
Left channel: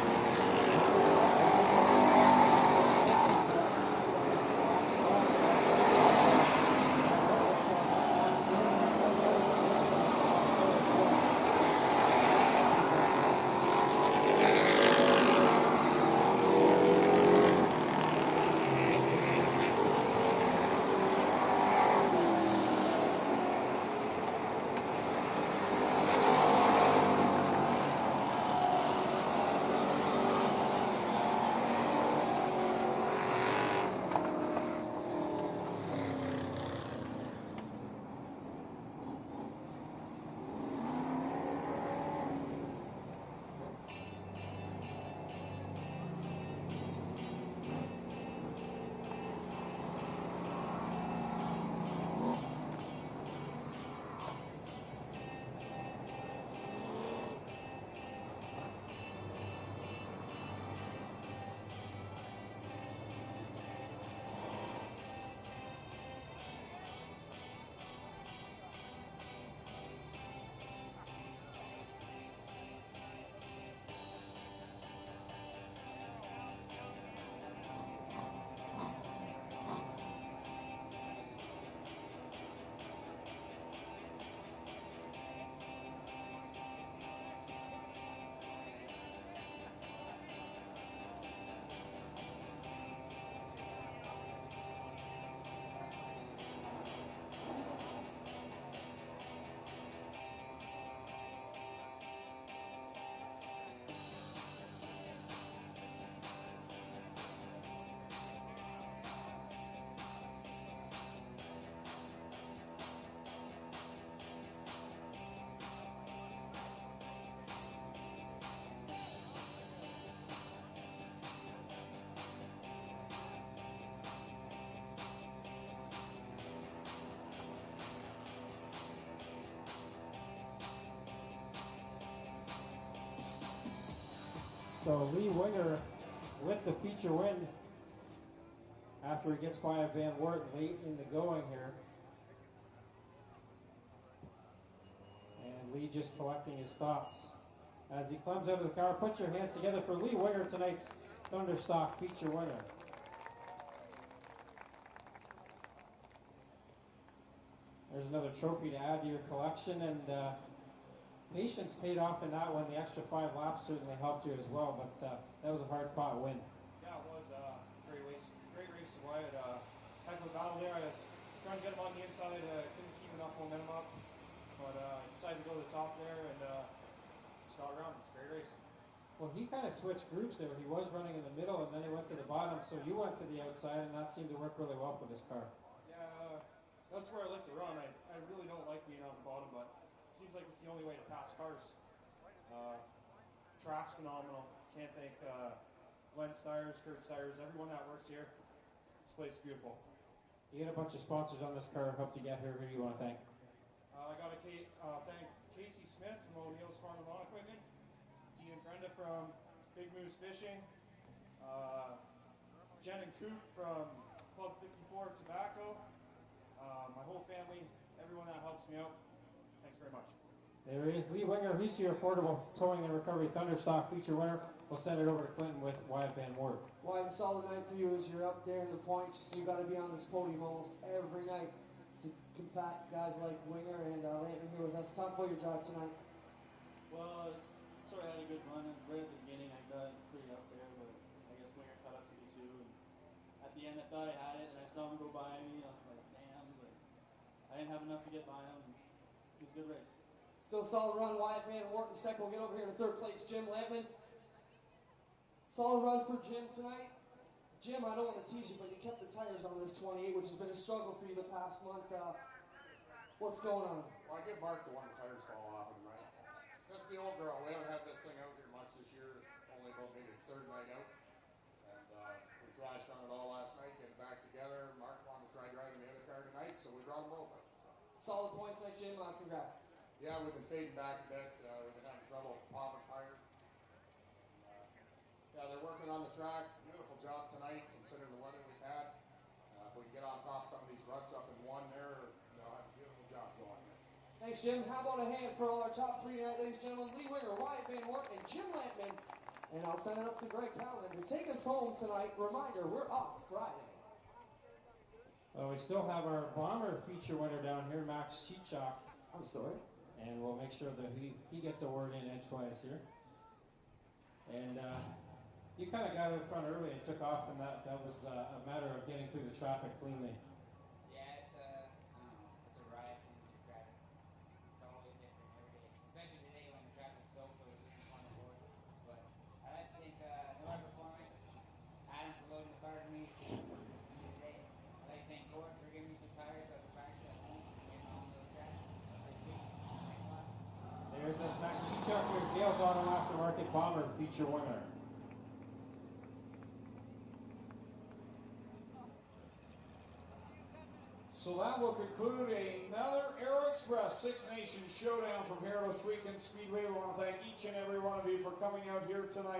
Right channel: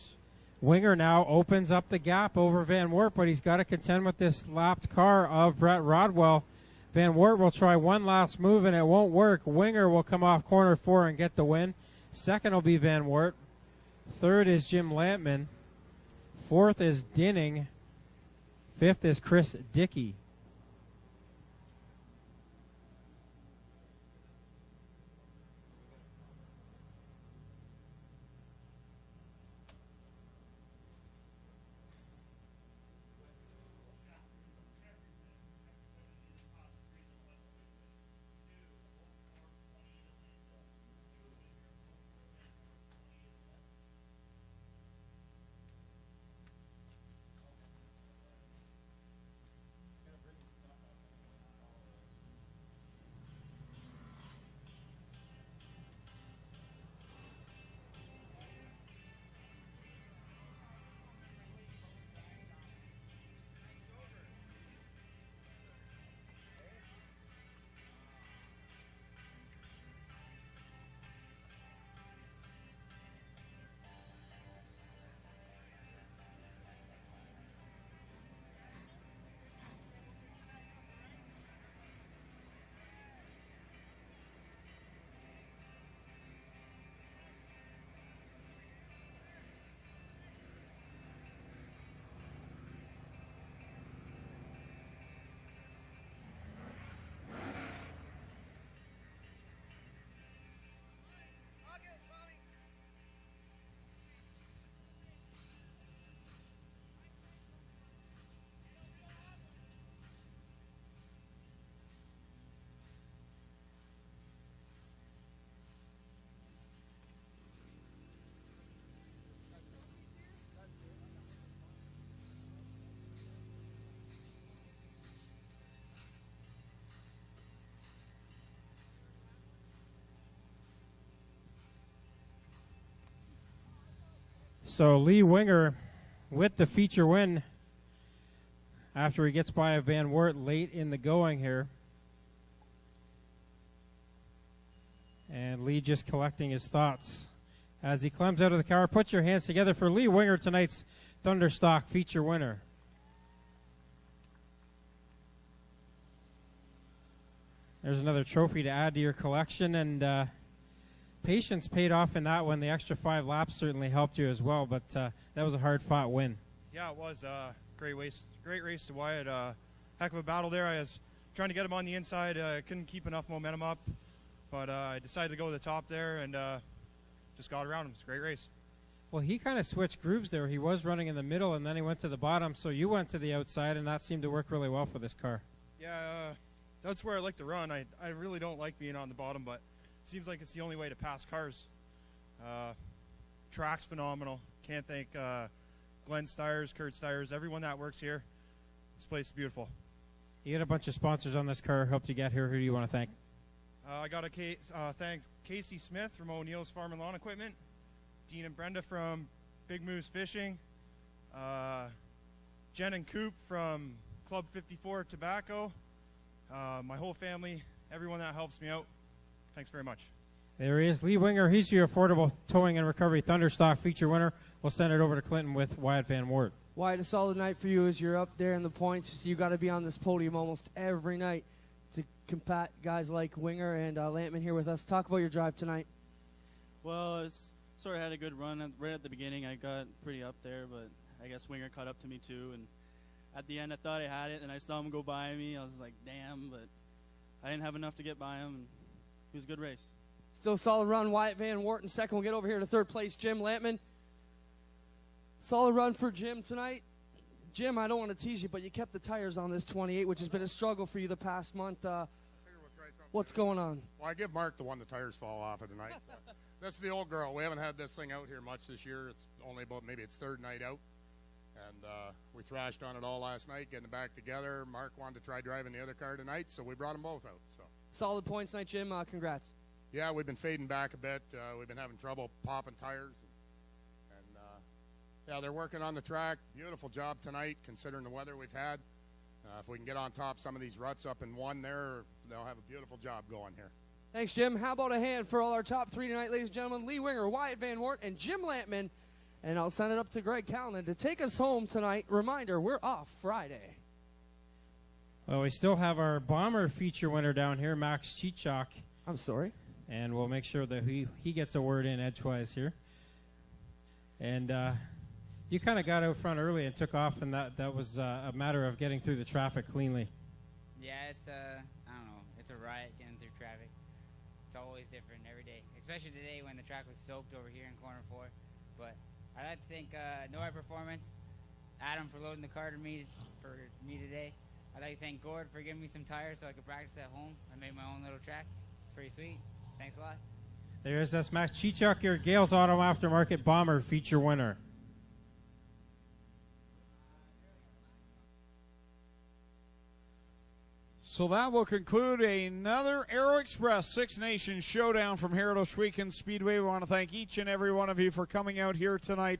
Winger now opens up the gap over Van Wert, but he's got to contend with this lapped car of Brett Rodwell. Van Wert will try one last move and it won't work. Winger will come off corner 4 and get the win. Second will be Van Wert. Third is Jim Landry. Fourth is Dinning. Fifth is Chris Dickey. So Lee Winger with the feature win after he gets by Van Wert late in the going here. And Lee just collecting his thoughts as he climbs out of the car. Put your hands together for Lee Winger, tonight's Thunderstock feature winner. There's another trophy to add to your collection, and patience paid off in that one. The extra 5 laps certainly helped you as well, but that was a hard-fought win. Yeah, it was a great race to Wyatt. Heck of a battle there. I was trying to get him on the inside. Couldn't keep enough momentum up, but I decided to go to the top there and just got around him. It was a great race. Well, he kind of switched grooves there. He was running in the middle, and then he went to the bottom, so you went to the outside, and that seemed to work really well for this car. Yeah, that's where I like to run. I really don't like being on the bottom, but it seems like it's the only way to pass cars. Track's phenomenal. Can't thank Glenn Styres, Kurt Styres, everyone that works here. This place is beautiful. You got a bunch of sponsors on this car, helped you get here. Who do you want to thank? I got to thank Casey Smith from O'Neill's Farm and Lawn Equipment, Dean and Brenda from Big Moose Fishing, Jen and Coop from Club 54 Tobacco, my whole family, everyone that helps me out. Thanks very much. There he is, Lee Winger. He's your affordable towing and recovery Thunderstock feature winner. We'll send it over to Clinton with Wyatt Van Wert. Wyatt, a solid night for you as you're up there in the points. You got to be on this podium almost every night to combat guys like Winger and Lampman here with us. Talk about your drive tonight. Well, sort of had a good run right at the beginning. I got pretty up there, but I guess Winger caught up to me too. And at the end, I thought I had it, and I saw him go by me. I was like, damn, but I didn't have enough to get by him. It was a good race. Still a solid run. Wyatt Van Wert in second. We'll get over here to third place. Jim Lampman. Solid run for Jim tonight. Jim, I don't want to tease you, but you kept the tires on this 28, which has been a struggle for you the past month. What's going on? Well, I give Mark the one the tires fall off of tonight. This is the old girl. We haven't had this thing out here much this year. It's only about maybe its third night out. And we thrashed on it all last night, getting it back together. Mark wanted to try driving the other car tonight, so we brought them both out. So. Solid points tonight, Jim. Congrats. Yeah, we've been fading back a bit. We've been having trouble popping tires. And yeah, they're working on the track. Beautiful job tonight, considering the weather we've had. If we can get on top some of these ruts up in one there, they'll have a beautiful job going here. Thanks, Jim. How about a hand for all our top 3 tonight, ladies and gentlemen? Lee Winger, Wyatt Van Wert, and Jim Lampman. And I'll send it up to Greg Callanan to take us home tonight. Reminder, we're off Friday. Well, we still have our Bomber feature winner down here, Max Chichok. I'm sorry. And we'll make sure that he gets a word in edgewise here. And you kind of got out front early and took off, and that was a matter of getting through the traffic cleanly. Yeah, it's I don't know, it's a riot getting through traffic. It's always different every day, especially today when the track was soaked over here in corner 4. But I'd like to thank Nora Performance, Adam for loading the car for me today. I'd like to thank Gord for giving me some tires so I could practice at home. I made my own little track. It's pretty sweet. Thanks a lot. There's this Max Chichok, your Gales Auto Aftermarket Bomber feature winner. So that will conclude another Aero Express Six Nations showdown from here at Oshwegan Speedway. We want to thank each and every one of you for coming out here tonight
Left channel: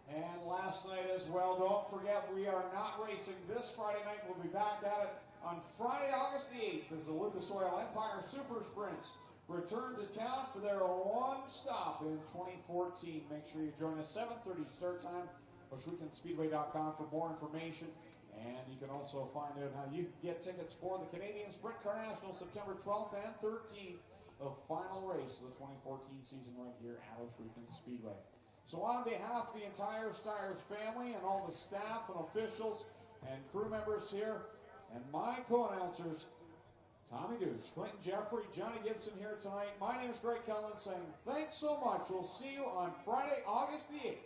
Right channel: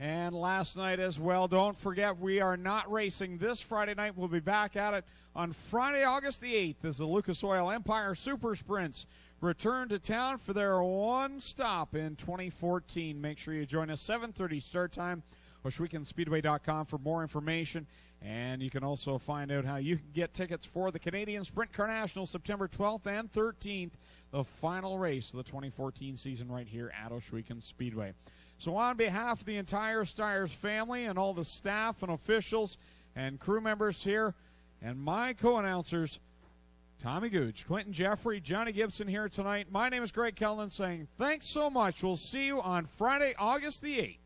and last night as well. Don't forget, we are not racing this Friday night. We'll be back at it on Friday, August the 8th as the Lucas Oil Empire Super Sprints return to town for their one stop in 2014. Make sure you join us, 7:30 start time, OshweganSpeedway.com for more information. And you can also find out how you can get tickets for the Canadian Sprint Car National September 12th and 13th, the final race of the 2014 season right here at Oshwegan Speedway. So on behalf of the entire Styres family and all the staff and officials and crew members here and my co-announcers, Tommy Gooch, Clinton Jeffrey, Johnny Gibson here tonight. My name is Greg Kellman saying thanks so much. We'll see you on Friday, August the 8th.